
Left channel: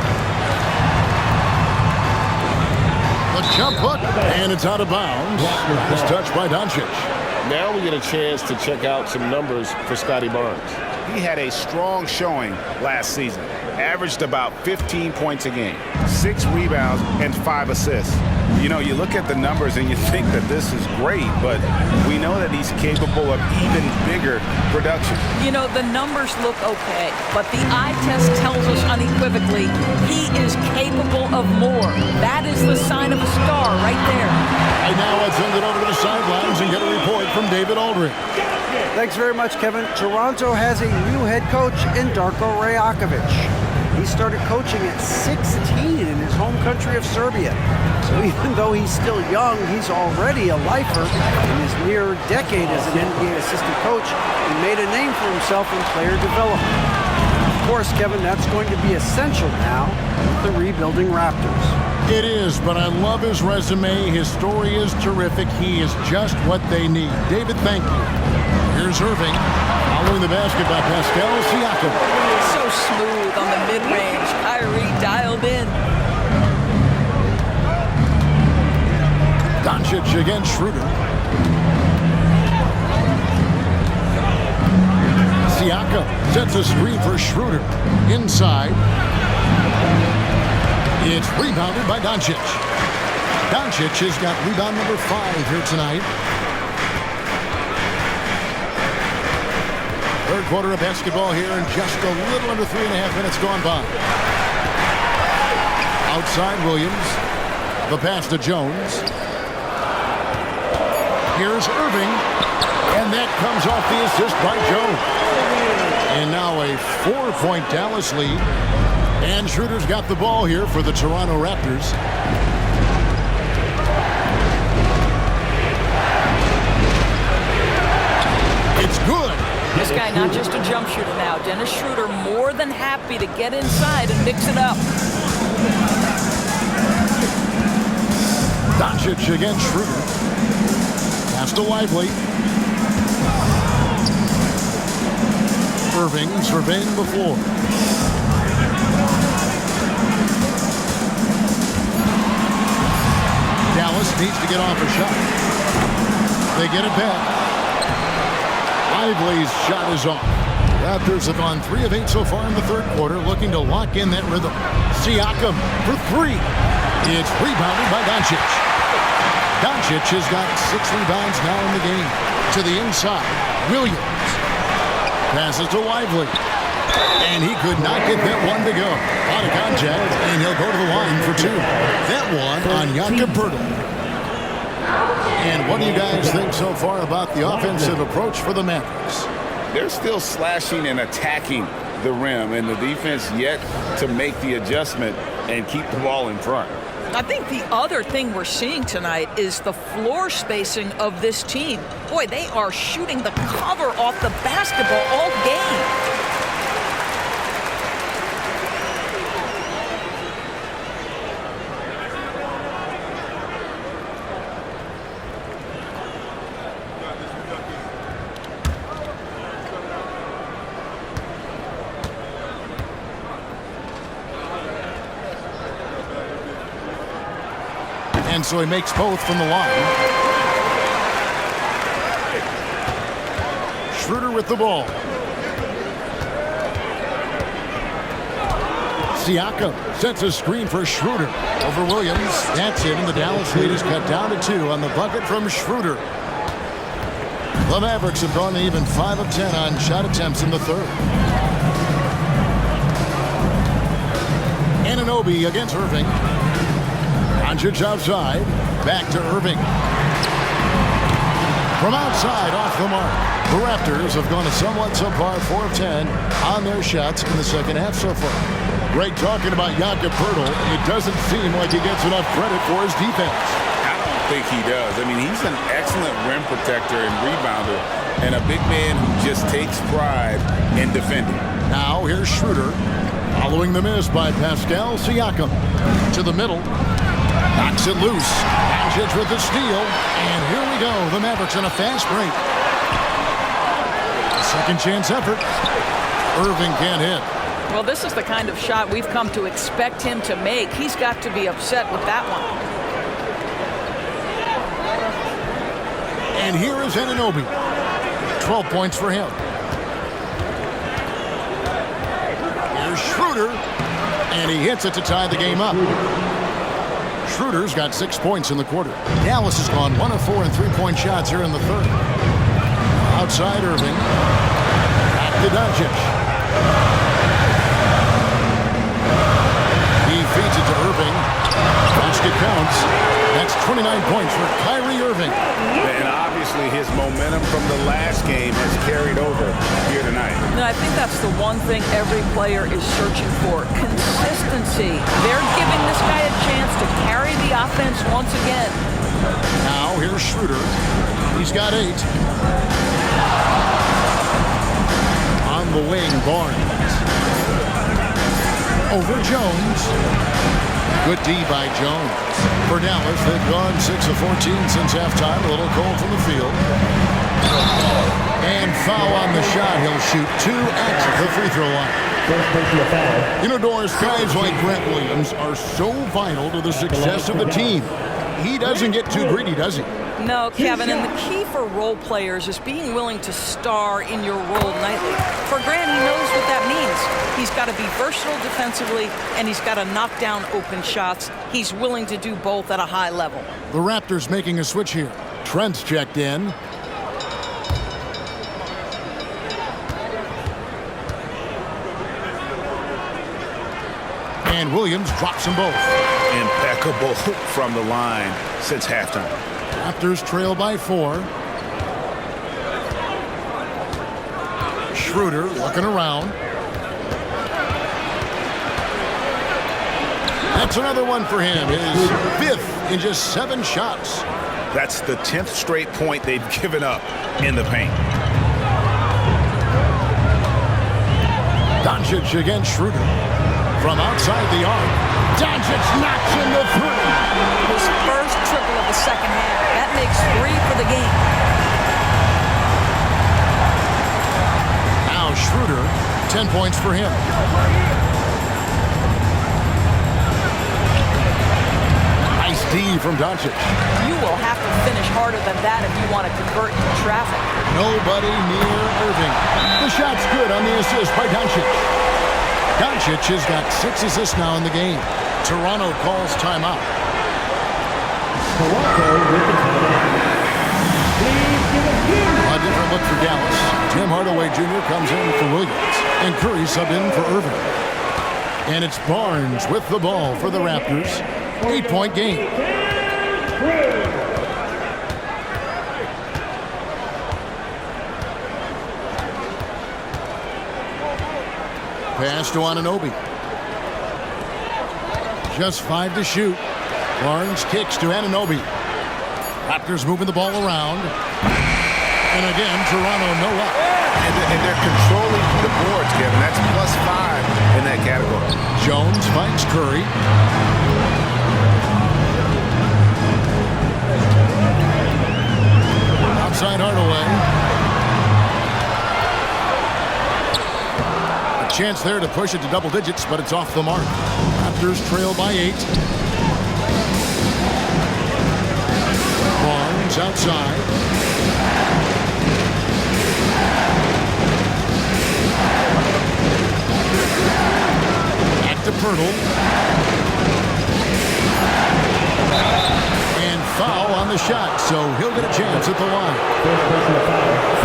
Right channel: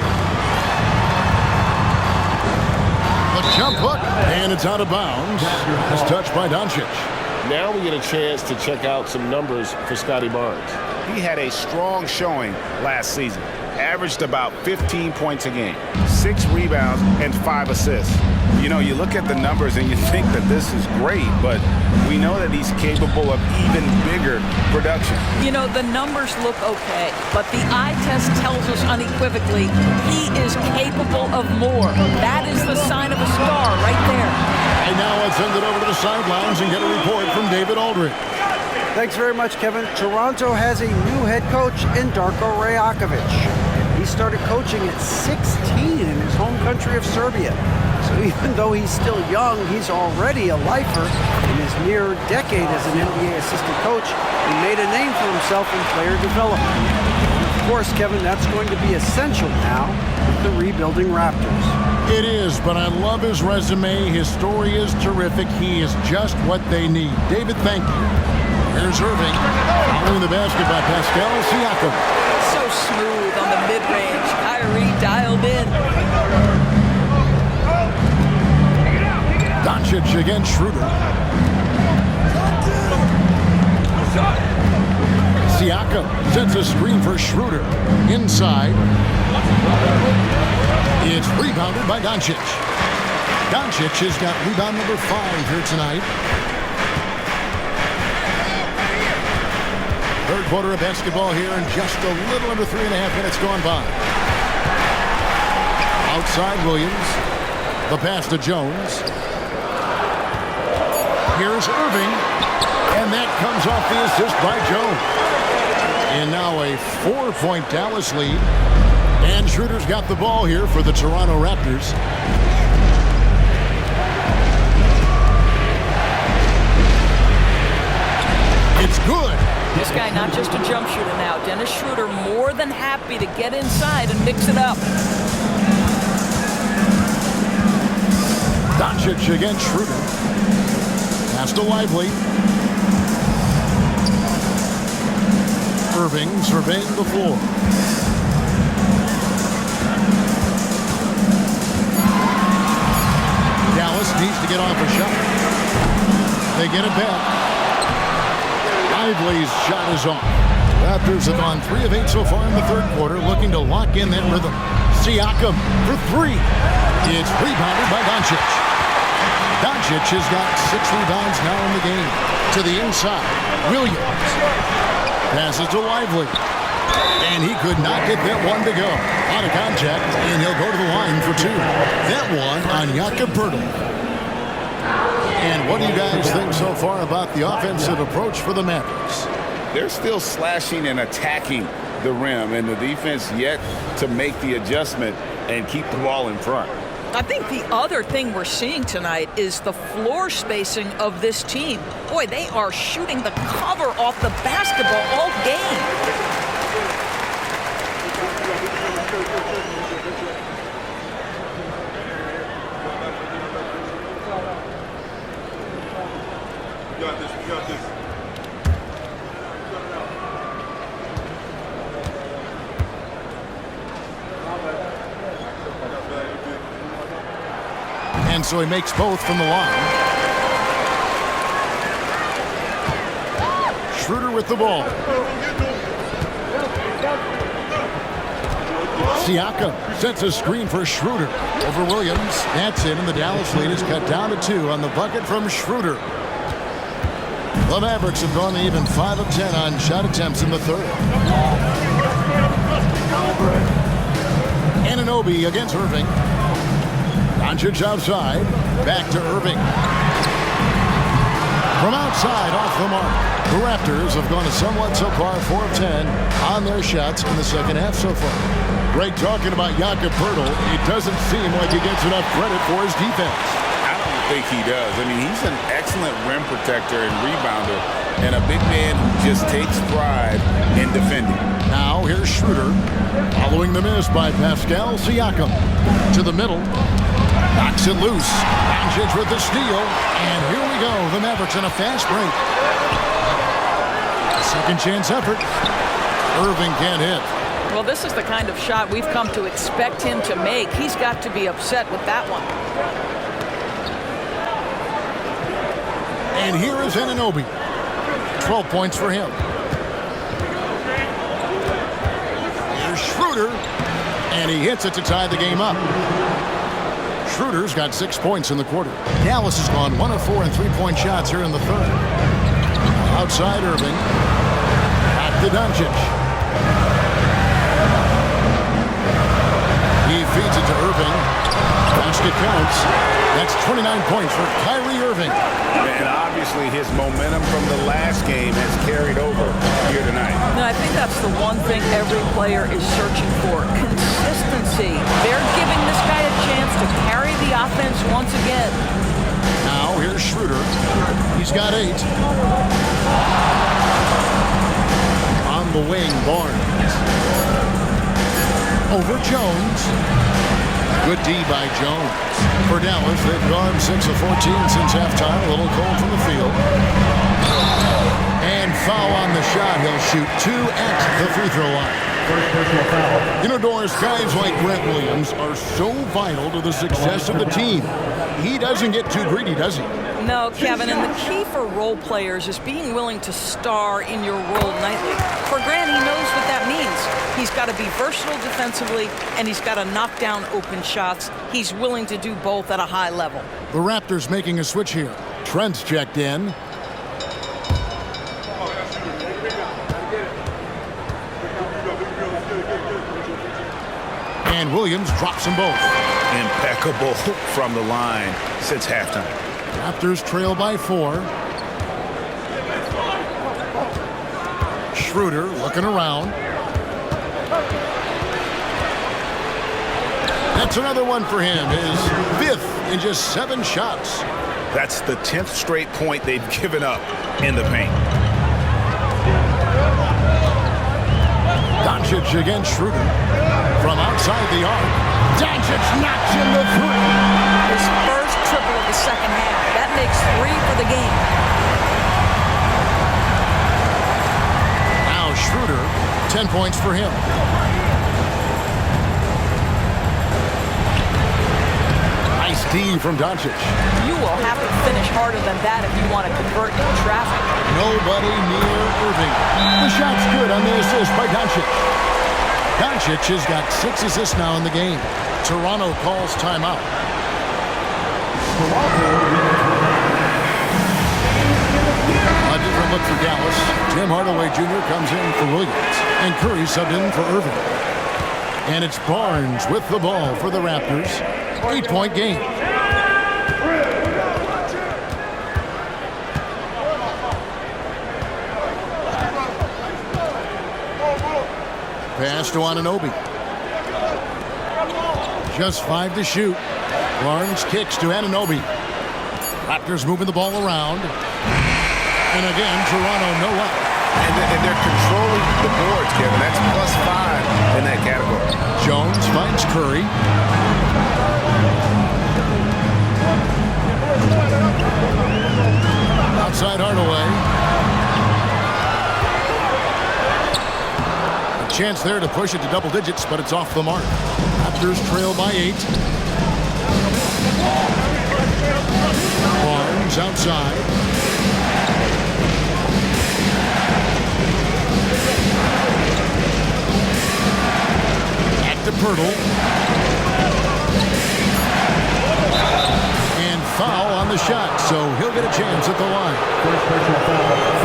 The jump hook, and it's out of bounds. It's touched by Doncic. Now we get a chance to check out some numbers for Scotty Barnes. He had a strong showing last season. Averaged about 15 points a game, 6 rebounds, and 5 assists. You know, you look at the numbers and you think that this is great, but we know that he's capable of even bigger production. You know, the numbers look okay, but the eye test tells us unequivocally he is capable of more. That is the sign of a star right there. Right now, let's send it over to the sidelines and get a report from David Aldridge. Thanks very much, Kevin. Toronto has a new head coach in Darko Rajakovic. He started coaching at 16 in his home country of Serbia. So even though he's still young, he's already a lifer. In his near decade as an NBA assistant coach, he made a name for himself in player development. And of course, Kevin, that's going to be essential now with the rebuilding Raptors. It is, but I love his resume. His story is terrific. He is just what they need. David, thank you. Here's Irving, following the basket by Pascal Siakam. So smooth on the mid-range. Kyrie dialed in. Doncic against Schroeder. Siakam sets a screen for Schroeder. Inside. It's rebounded by Doncic. Doncic has got rebound number 5 here tonight. Third quarter of basketball here, and just a little under 3.5 minutes gone by. Outside Williams. The pass to Jones. Here's Irving, and that comes off the assist by Jones. And now a 4-point Dallas lead. And Schroeder's got the ball here for the Toronto Raptors. It's good. This guy not just a jump shooter now. Dennis Schroeder more than happy to get inside and mix it up. Doncic against Schroeder. Pass to Lively. Irving surveying the floor. Dallas needs to get off a shot. They get it back. Lively's shot is off. Raptors have gone 3 of 8 so far in the third quarter, looking to lock in that rhythm. Siakam for 3. It's rebounded by Doncic. Doncic has got 6 rebounds now in the game. To the inside, Williams. Passes to Lively. And he could not get that one to go. Out of contact, and he'll go to the line for 2. That one on Jakob Poeltl. And what do you guys think so far about the offensive approach for the Mavericks? They're still slashing and attacking the rim, and the defense yet to make the adjustment and keep the ball in front. I think the other thing we're seeing tonight is the floor spacing of this team. Boy, they are shooting the cover off the basketball all game. And so he makes both from the line. Schroeder with the ball. Siakam sets a screen for Schroeder over Williams. That's it, and the Dallas lead is cut down to 2 on the bucket from Schroeder. The Mavericks have gone even 5 of 10 on shot attempts in the third. Anunoby against Irving. Doncic outside. Back to Irving. From outside, off the mark. The Raptors have gone a somewhat subpar 4 of 10 on their shots in the second half so far. Greg, talking about Jakob Poeltl, it doesn't seem like he gets enough credit for his defense. I don't think he does. I mean, he's an excellent rim protector and rebounder, and a big man who just takes pride in defending. Now here's Schroeder, following the miss by Pascal Siakam. To the middle, knocks it loose. Doncic with the steal, and here we go. The Mavericks on a fast break. A second chance effort. Irving can't hit. Well, this is the kind of shot we've come to expect him to make. He's got to be upset with that one. And here is Anunoby. 12 points for him. Here's Schroeder, and he hits it to tie the game up. Schroeder's got 6 points in the quarter. Dallas has gone 1 of 4 in three-point shots here in the third. Outside Irving. Back to Doncic. He feeds it to Irving. Basket counts. That's 29 points for Kyrie Irving. And obviously his momentum from the last game has carried over here tonight. And I think that's the one thing every player is searching for. Consistency. They're giving this guy a chance to carry the offense once again. Now here's Schroeder. He's got 8. On the wing, Barnes. Over Jones. Good D by Jones. For Dallas, they've gone 6 of 14 since halftime. A little cold from the field. And foul on the shot. He'll shoot 2 at the free throw line. You know, Doris, guys like Grant Williams are so vital to the success of the team. He doesn't get too greedy, does he? No, Kevin, and the key for role players is being willing to star in your role nightly. For Grant, he knows what that means. He's got to be versatile defensively, and he's got to knock down open shots. He's willing to do both at a high level. The Raptors making a switch here. Trent's checked in. And Williams drops them both. Impeccable from the line since halftime. Raptors trail by 4. Schroeder looking around. That's another one for him. His 5th in just 7 shots. That's the 10th straight point they've given up in the paint. Doncic against Schroeder. From outside the arc, Doncic knocks in the 3. His first triple of the second half. That makes 3 for the game. Now Schroeder, 10 points for him. Nice D from Doncic. You will have to finish harder than that if you want to convert in traffic. Nobody near Irving. The shot's good on the assist by Doncic. Doncic has got 6 assists now in the game. Toronto calls timeout. A different look for Dallas. Tim Hardaway Jr. comes in for Williams. And Curry subbed in for Irving. And it's Barnes with the ball for the Raptors. 8-point game. Pass to Anunoby. Just 5 to shoot. Barnes kicks to Anunoby. Raptors moving the ball around. And again, Toronto no up. And they're controlling the boards, Kevin. That's +5 in that category. Jones finds Curry. Outside Hardaway. A chance there to push it to double digits, but it's off the mark. Raptors trail by 8. Barnes outside. Back to Pirtle. And foul on the shot, so he'll get a chance at the line.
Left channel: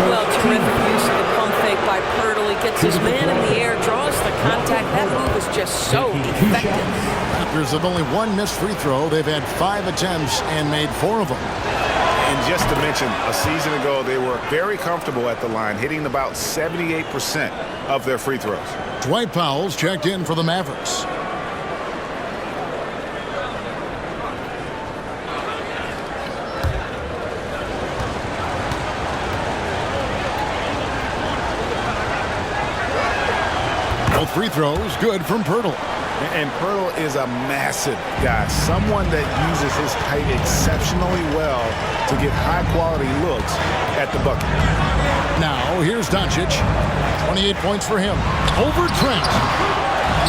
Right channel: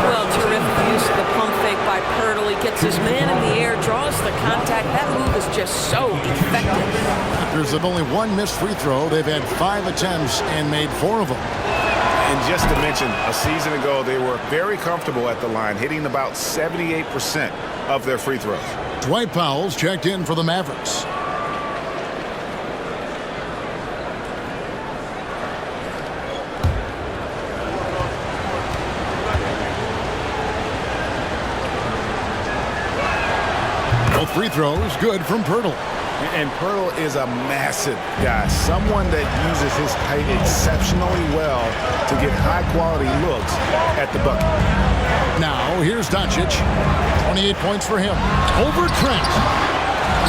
Well, terrific use of the pump fake by Pirtle. He gets his man in the air, draws the contact. That move is just so effective. Raptors have only one missed free throw. They've had 5 attempts and made 4 of them. And just to mention, a season ago, they were very comfortable at the line, hitting about 78% of their free throws. Dwight Powell's checked in for the Mavericks. Both free throws good from Pirtle. And Pirtle is a massive guy, someone that uses his height exceptionally well to get high-quality looks at the bucket. Now, here's Doncic. 28 points for him. Over Trent.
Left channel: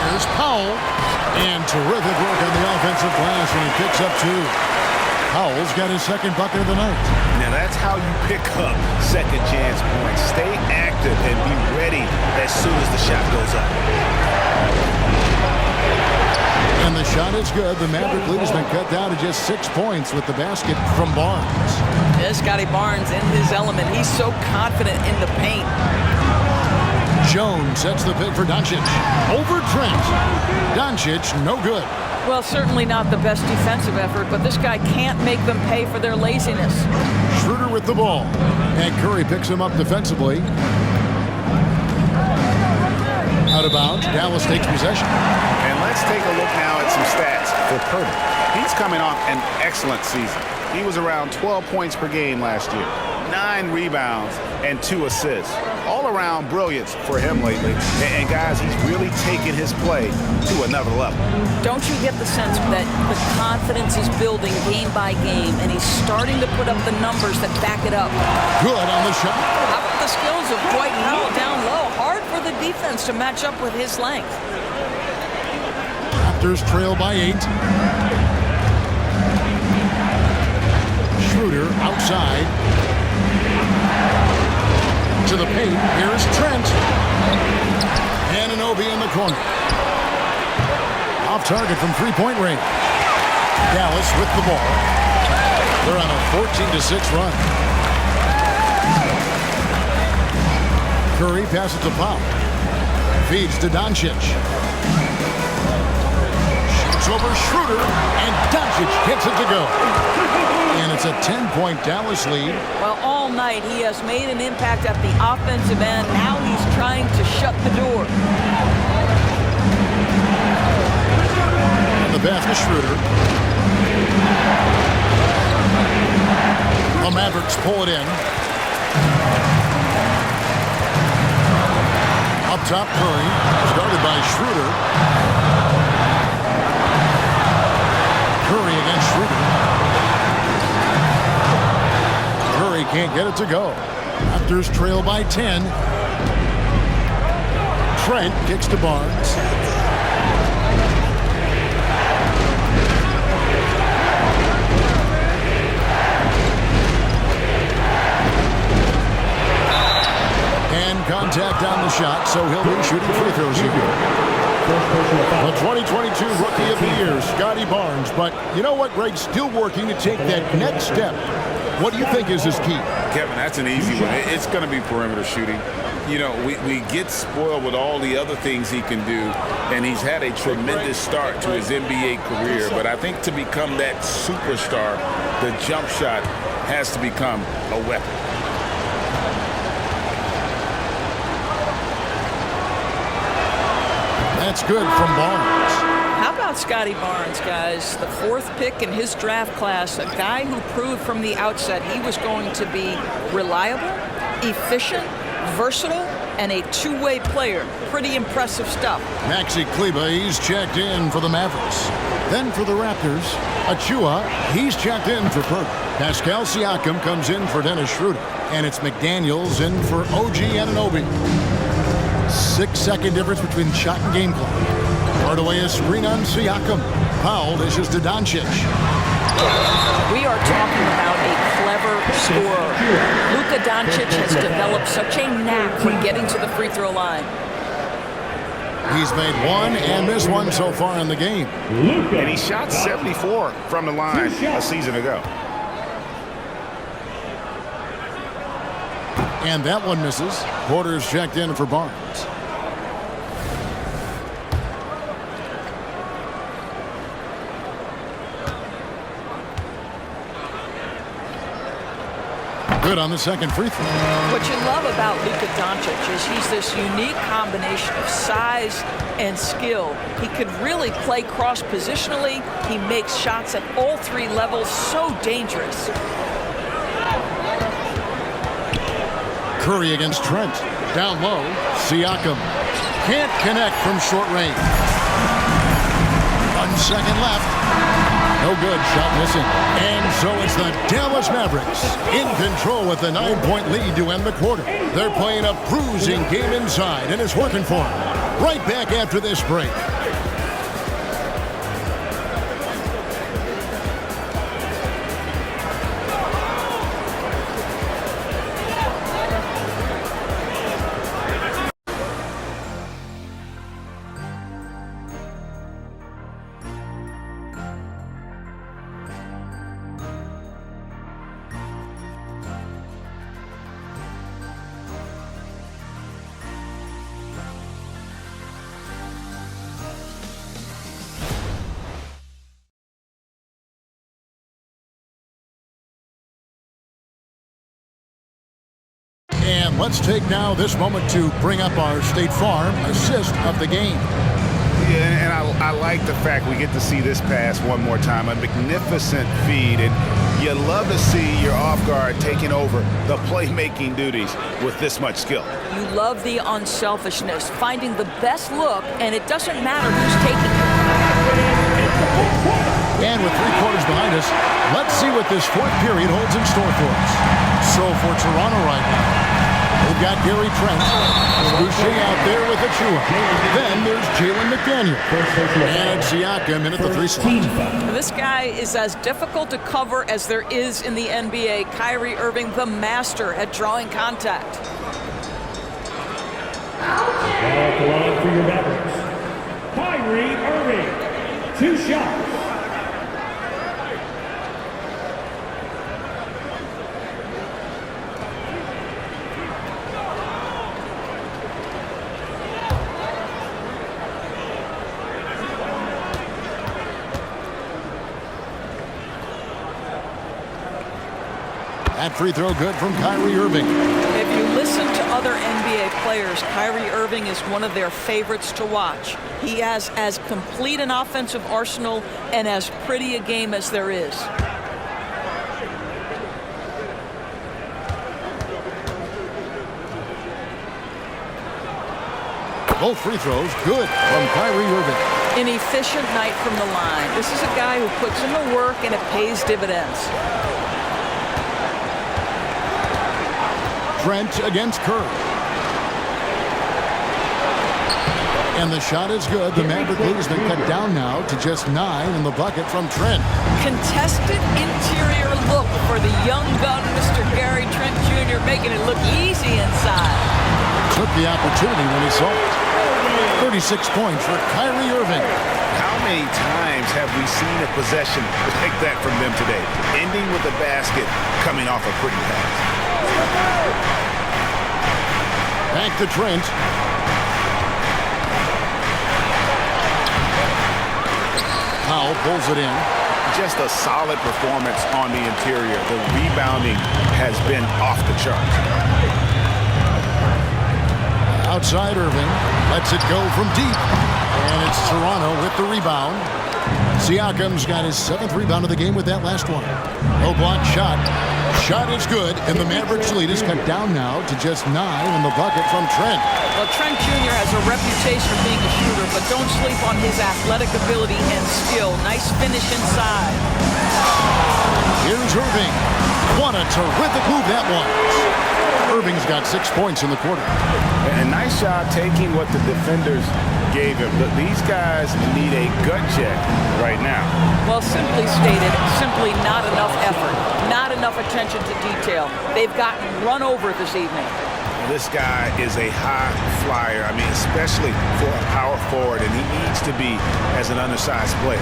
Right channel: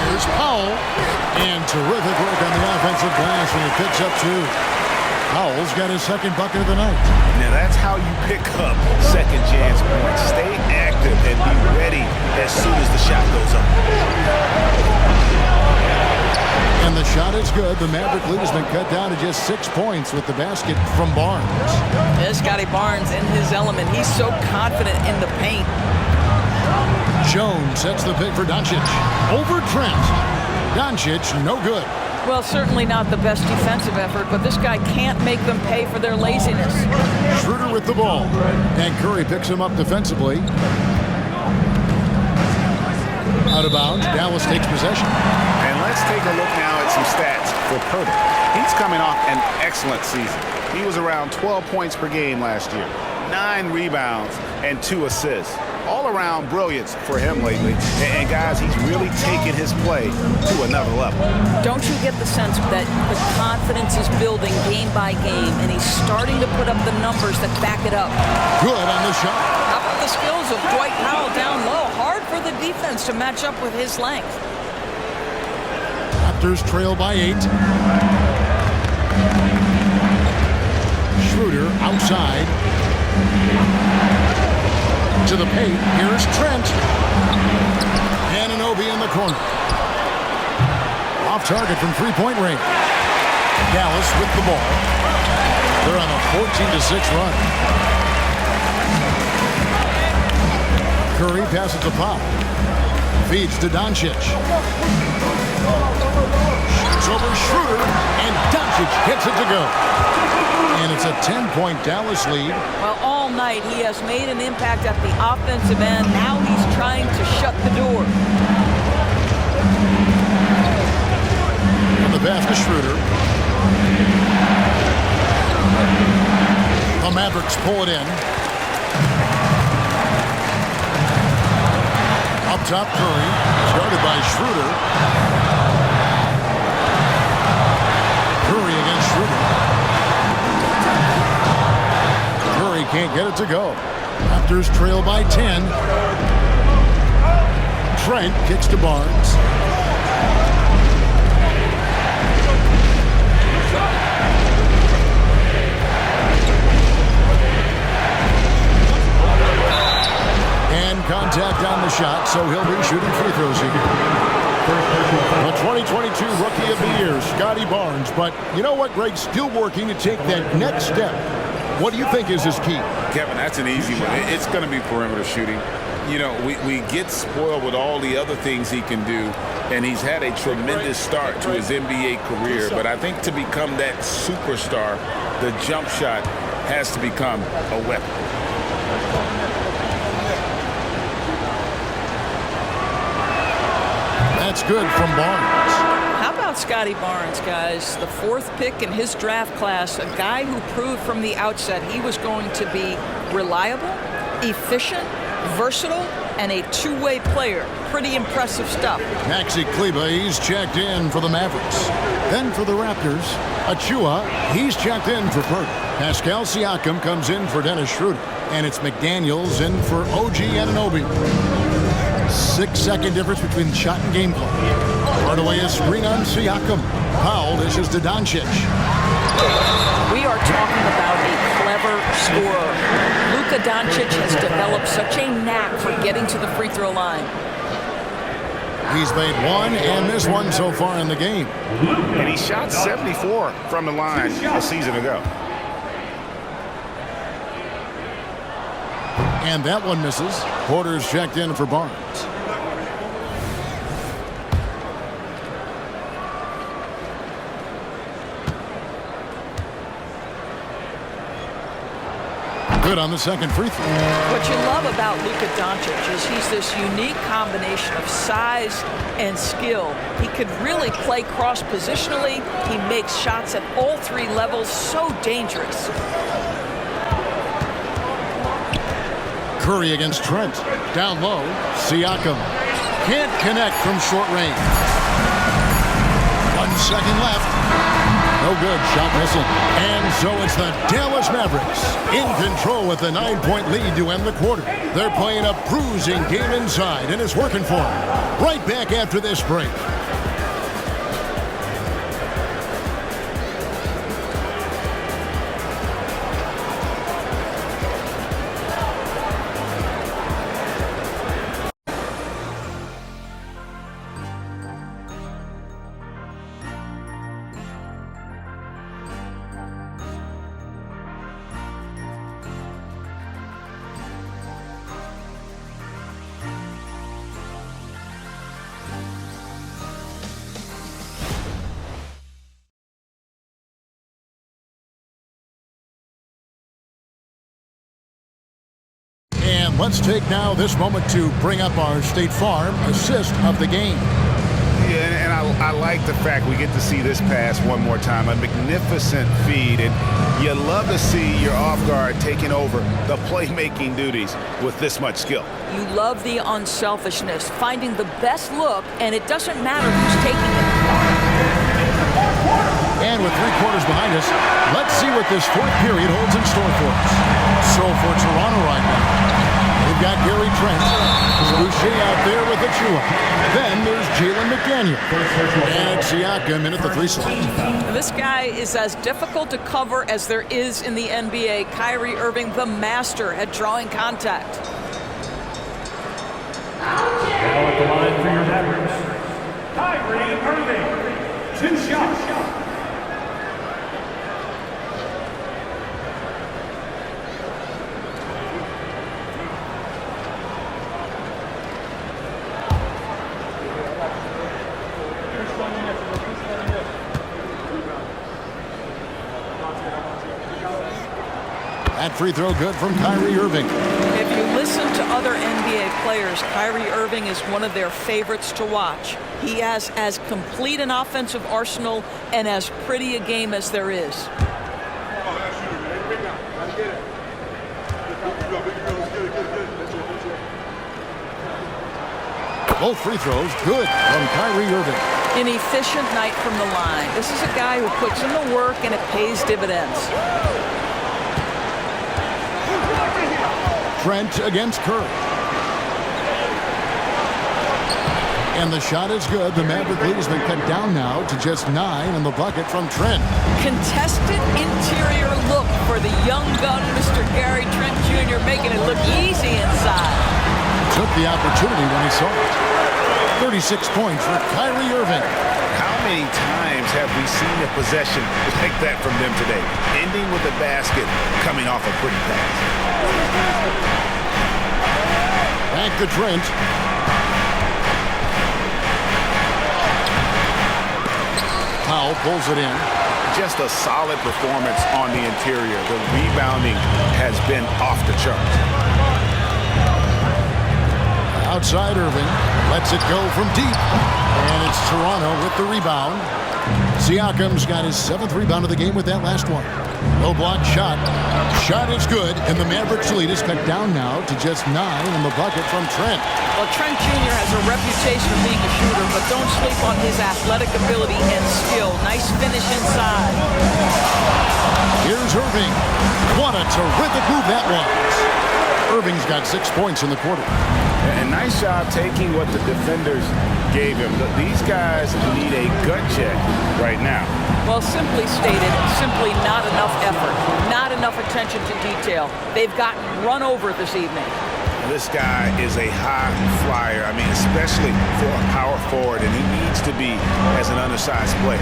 Here's Powell. And terrific work on the offensive glass, and he picks up 2. Powell's got his second bucket of the night. Now, that's how you pick up second chance points. Stay active and be ready as soon as the shot goes up. And the shot is good. The Maverick lead has been cut down to just 6 points with the basket from Barnes. There's Scotty Barnes in his element. He's so confident in the paint. Jones sets the pick for Doncic. Over Trent. Doncic, no good. Well, certainly not the best defensive effort, but this guy can't make them pay for their laziness. Schroeder with the ball. And Curry picks him up defensively. Out of bounds. Dallas takes possession. And let's take a look now at some stats for Pirtle. He's coming off an excellent season. He was around 12 points per game last year, 9 rebounds, and 2 assists. All around brilliance for him lately. And guys, he's really taken his play to another level. Don't you get the sense that the confidence is building game by game, and he's starting to put up the numbers that back it up? Good on the shot. How about the skills of Dwight Powell down low? Hard for the defense to match up with his length. Raptors trail by 8. Schroeder outside. To the paint. Here's Trent. Anunoby in the corner. Off target from three-point range. Dallas with the ball. They're on a 14-6 run. Curry passes to Powell. Feeds to Doncic. Shoots over Schroeder, and Doncic hits it to go. And it's a 10-point Dallas lead. Well, all night he has made an impact at the offensive end. Now he's trying to shut the door. And the basket, Schroeder. The Mavericks pull it in. Up top, Curry is guarded by Schroeder. Curry against Schroeder. Curry can't get it to go. Raptors trail by 10. Trent kicks to Barnes. And contact on the shot, so he'll be shooting free throws here. The 2022 Rookie of the Year, Scotty Barnes. But you know what, Greg? Still working to take that next step. What do you think is his key? Kevin, that's an easy one. It's going to be perimeter shooting. You know, we get spoiled with all the other things he can do, and he's had a tremendous start to his NBA career. But I think to become that superstar, the jump shot has to become a weapon. That's good from Barnes. How about Scotty Barnes, guys? The 4th pick in his draft class, a guy who proved from the outset he was going to be reliable, efficient, versatile, and a two-way player. Pretty impressive stuff. Maxi Kleber, he's checked in for the Mavericks. Then for the Raptors, Achua, he's checked in for Pirtle. Pascal Siakam comes in for Dennis Schroeder. And it's McDaniels in for OG Anunoby. 6-second difference between shot and game clock. Hardaway a screen on Siakam. Powell dishes to Doncic. We are talking about a clever scorer. Luka Doncic has developed such a knack for getting to the free throw line. He's made one and missed one so far in the game. And he shot 74 from the line a season ago. And that one misses. Porter's checked in for Barnes. Good on the second free throw. What you love about Luka Doncic is he's this unique combination of size and skill. He could really play cross-positionally. He makes shots at all three levels, so dangerous. Curry against Trent. Down low, Siakam. Can't connect from short range. 1 second left. No good, shot missing. And so it's the Dallas Mavericks in control with a 9-point lead to end the quarter. They're playing a bruising game inside, and it's working for them. Right back after this break. And let's take now this moment to bring up our State Farm assist of the game. Yeah, and I like the fact we get to see this pass one more time. A magnificent feed, and you love to see your off guard taking over the playmaking duties with this much skill. You love the unselfishness, finding the best look, and it doesn't matter who's taking it. And with 3 quarters behind us, let's see what this fourth period holds in store for us. So for Toronto right now, they've got Gary Trent, Boucher out there with Achua. Then there's Jalen McDaniel. And Siakam in at the 3 slot. This guy is as difficult to cover as there is in the NBA. Kyrie Irving, the master at drawing contact. Now at the line for your Mavericks, Kyrie Irving. 2 shots. That free throw good from Kyrie Irving. If you listen to other NBA players, Kyrie Irving is one of their favorites to watch. He has as complete an offensive arsenal and as pretty a game as there is. Both free throws good from Kyrie Irving. An efficient night from the line. This is a guy who puts in the work and it pays dividends. Trent against Curry. And the shot is good. The Maverick lead has been cut down now to just 9 in the bucket from Trent. Contested interior look for the young gun, Mr. Gary Trent Jr., making it look easy inside. Took the opportunity when he saw it. 36 points for Kyrie Irving. How many times have we seen a possession like that from them today? Ending with a basket, coming off a pretty pass. Back to Trent. Powell pulls it in. Just a solid performance on the interior. The rebounding has been off the charts. Outside Irving. Lets it go from deep. And it's Toronto with the rebound. Siakam's got his 7th rebound of the game with that last one. Low block shot. Shot is good, and the Mavericks lead is cut down now to just 9 in the bucket from Trent. Well, Trent Jr. has a reputation of being a shooter, but don't sleep on his athletic ability and skill. Nice finish inside. Here's Irving. What a terrific move that was. Irving's got 6 points in the quarter. And nice job taking what the defenders gave him. These guys need a gut check right now. Well, simply stated, simply not enough effort, not enough attention to detail. They've gotten run over this evening. This guy is a high flyer, I mean, especially for a power forward, and he needs to be as an undersized player.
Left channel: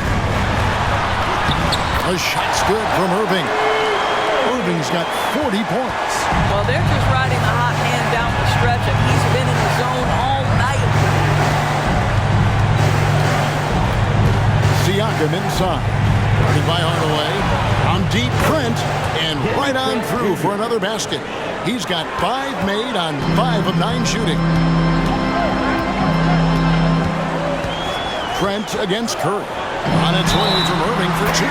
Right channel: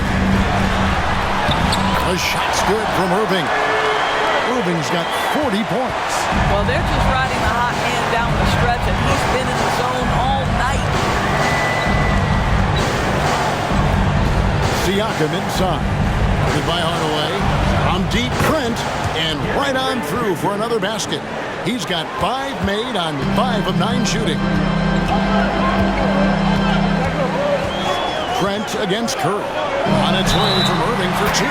A shot's good from Irving. Irving's got 40 points. Well, they're just riding the hot hand down the stretch, and he's been in the zone all night. Siakam inside. Guarded by Hardaway. From deep, Trent, and right on through for another basket. He's got 5 made on 5 of 9 shooting. Trent against Curry. On its way from Irving for 2.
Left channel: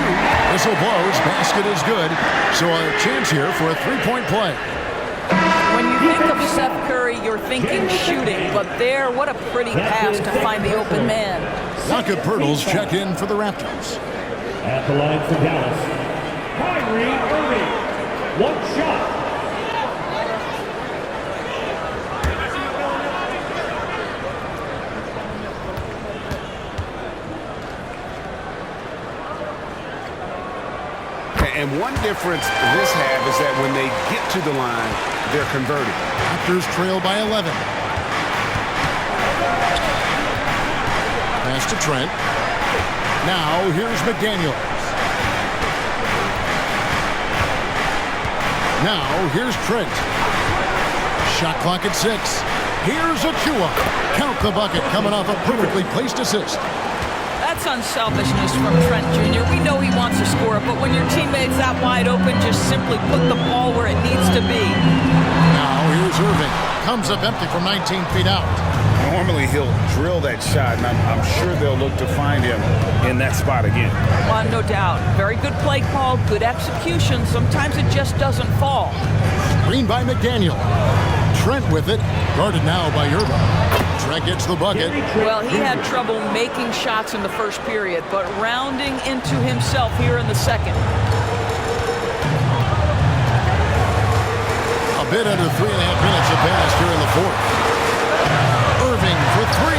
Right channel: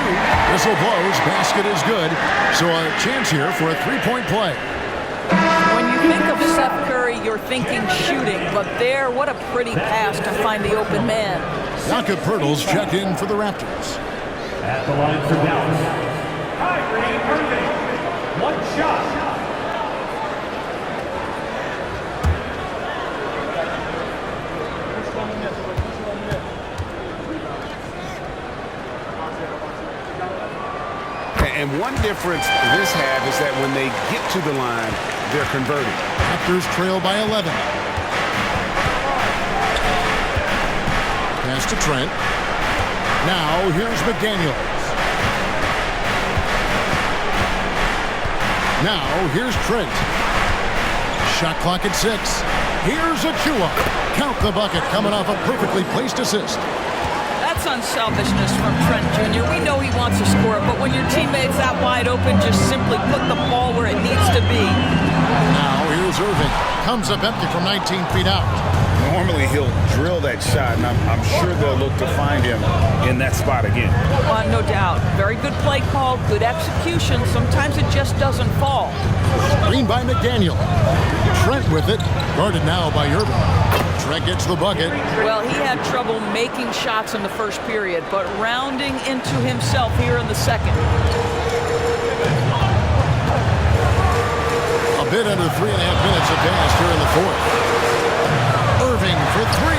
Whistle blows. Basket is good. So a chance here for a 3-point play. When you think of Seth Curry, you're thinking shooting. But there, what a pretty pass to find the open man. Jakob Poeltl's checked in for the Raptors. At the line for Dallas, Kyrie Irving. 1 shot. And one difference this half is that when they get to the line, they're converting. Raptors trail by 11. Pass to Trent. Now here's McDaniels. Now here's Trent. Shot clock at 6. Here's Achua. Count the bucket coming off a perfectly placed assist. That's unselfishness from Trent Jr. We know he wants to score, but when your teammate's that wide open, just simply put the ball where it needs to be. Now here's Irving. Comes up empty from 19 feet out. Normally he'll drill that shot, and I'm sure they'll look to find him in that spot again. Well, no doubt. Very good play call, good execution. Sometimes it just doesn't fall. Screen by McDaniel. Trent with it. Guarded now by Irving. Trent gets the bucket. Well, he had trouble making shots in the first period, but rounding into himself here in the second. A bit under 3.5 minutes have passed here in the fourth. Irving for 3.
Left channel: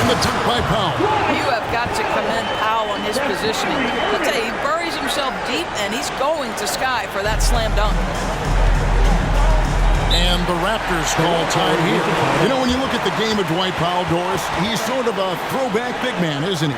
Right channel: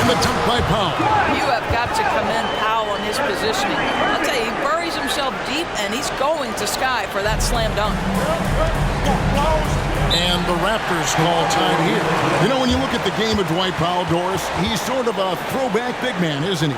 In the dunk by Powell. You have got to commend Powell on his positioning. I'll tell you, he buries himself deep, and he's going to sky for that slam dunk. And the Raptors call time here. You know, when you look at the game of Dwight Powell, Doris, he's sort of a throwback big man, isn't he?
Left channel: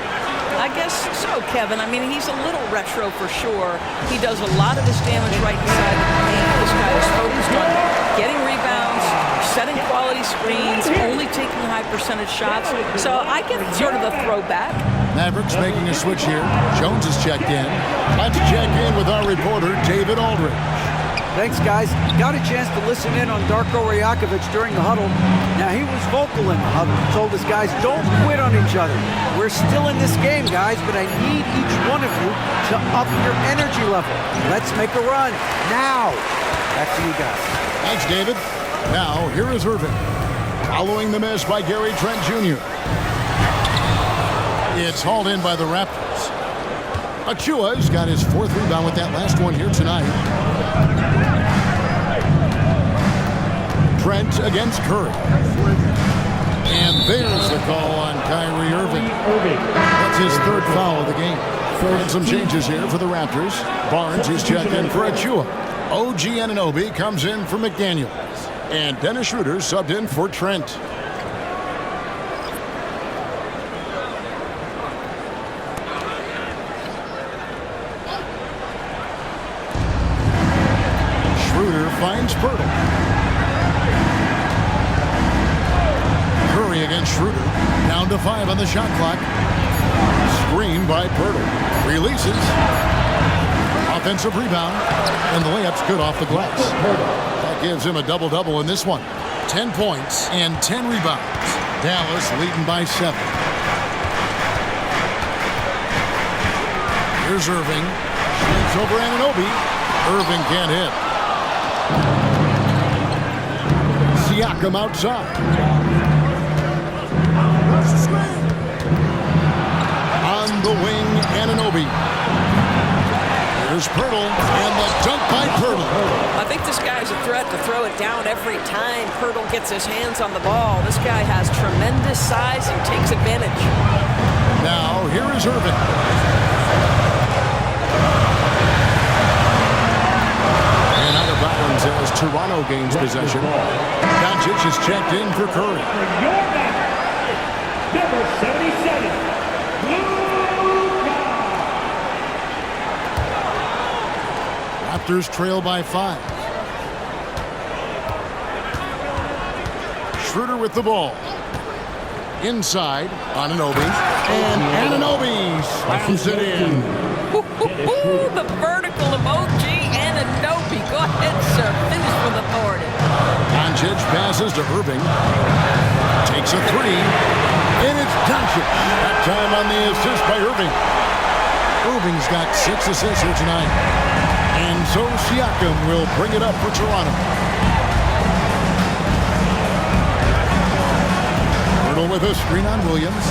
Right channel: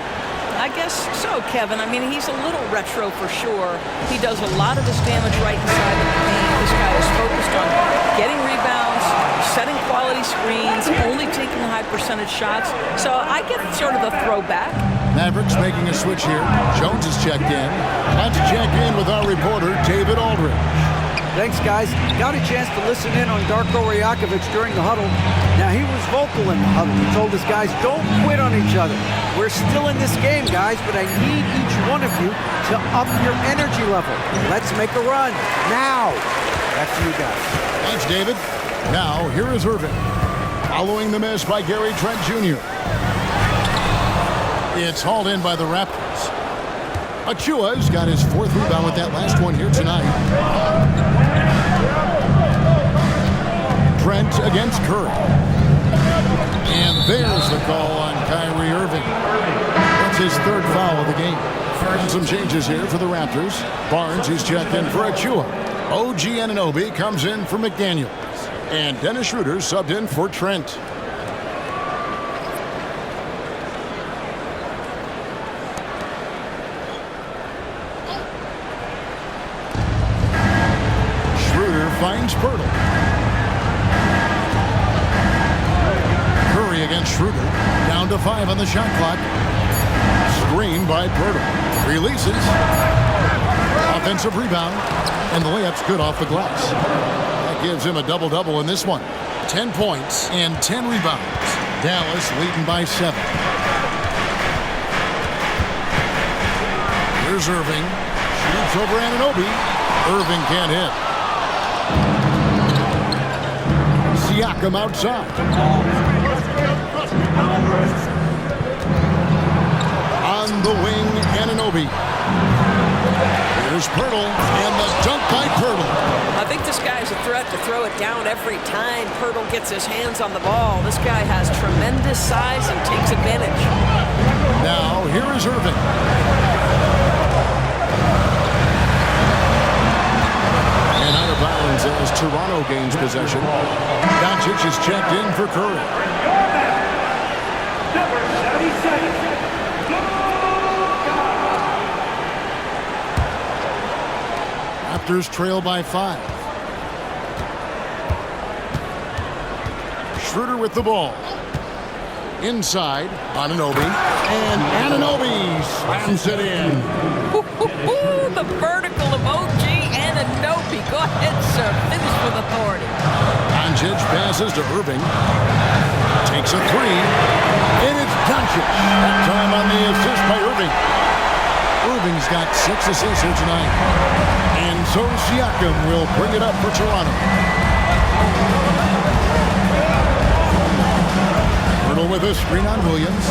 I guess so, Kevin. I mean, he's a little retro for sure. He does a lot of his damage right inside the paint. This guy is focused on getting rebounds, setting quality screens, only taking high percentage shots. So I get sort of a throwback. Mavericks making a switch here. Jones is checked in. Let's check in with our reporter, David Aldridge. Thanks, guys. Got a chance to listen in on Darko Rajakovic during the huddle. Now, he was vocal in the huddle. He told his guys, don't quit on each other. We're still in this game, guys, but I need each one of you to up your energy level. Let's make a run. Now. Back to you guys. Thanks, David. Now, here is Irving. Following the miss by Gary Trent Jr. It's hauled in by the Raptors. Achua's got his 4th rebound with that last one here tonight. Trent against Curry. And there's the call on Kyrie Irving. That's his 3rd foul of the game. And some changes here for the Raptors. Barnes is checked in for Achua. OG Anunoby comes in for McDaniels. And Dennis Schroeder subbed in for Trent. Schroeder finds Poeltl. Curry against Schroeder. Down to 5 on the shot clock. Screen by Poeltl. Releases. Offensive rebound. And the layup's good off the glass. That gives him a double-double in this one. 10 points and 10 rebounds. Dallas leading by 7. Here's Irving. Shoots over Anunoby. Irving can't hit. Siakam outside. On the wing, Anunoby. Here's Pirtle, and the dunk by Pirtle. I think this guy's a threat to throw it down every time Pirtle gets his hands on the ball. This guy has tremendous size and takes advantage. Now, here is Irving. And out of bounds as Toronto gains possession. Doncic is checked in for Curry. Number 77. Raptors trail by 5. Schroeder with the ball. Inside, Anunoby. And Anunoby slams it in. The vertical of OG Anunoby. Go ahead, sir. Finish with authority. Doncic passes to Irving. Takes a 3. And it's Doncic. That time on the assist by Irving. Irving's got 6 assists here tonight. And so Siakam will bring it up for Toronto. Pirtle with a screen on Williams.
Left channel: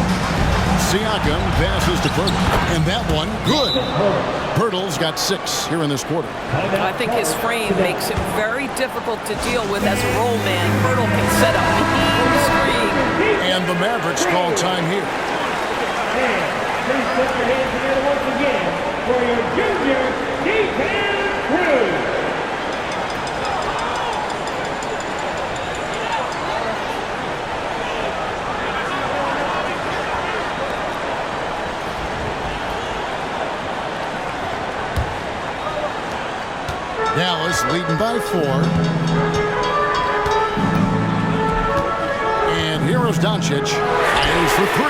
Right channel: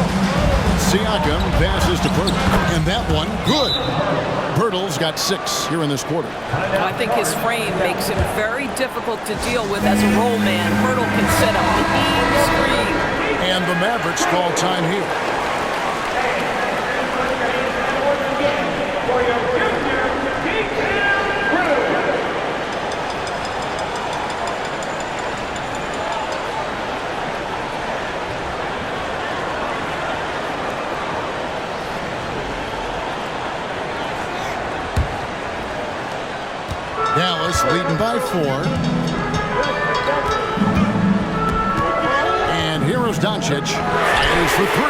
Siakam passes to Pirtle. And that one, good. Pirtle's got 6 here in this quarter. I think his frame makes him very difficult to deal with as a roll man. Pirtle can set a mean screen. And the Mavericks call time here. Dallas leading by 4. And here's Doncic. Fires for 3.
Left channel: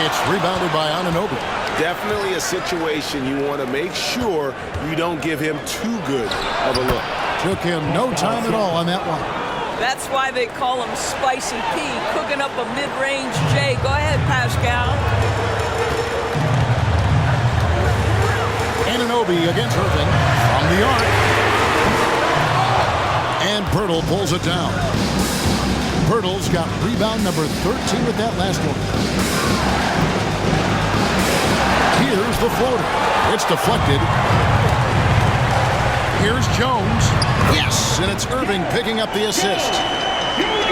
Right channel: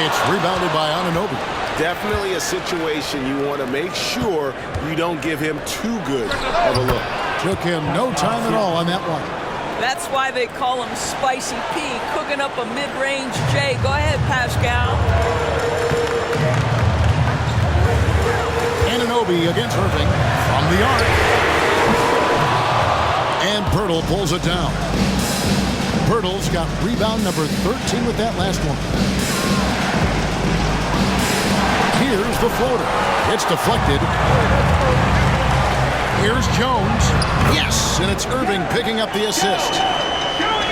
It's rebounded by Anunoby. Definitely a situation you want to make sure you don't give him too good of a look. Took him no time at all on that one. That's why they call him Spicy P, cooking up a mid-range J. Go ahead, Pascal. Anunoby against Irving from the arc. And Pirtle pulls it down. Pirtle's got rebound number 13 with that last one. Here's the floater. It's deflected. Here's Jones. Yes, and it's Irving picking up the assist.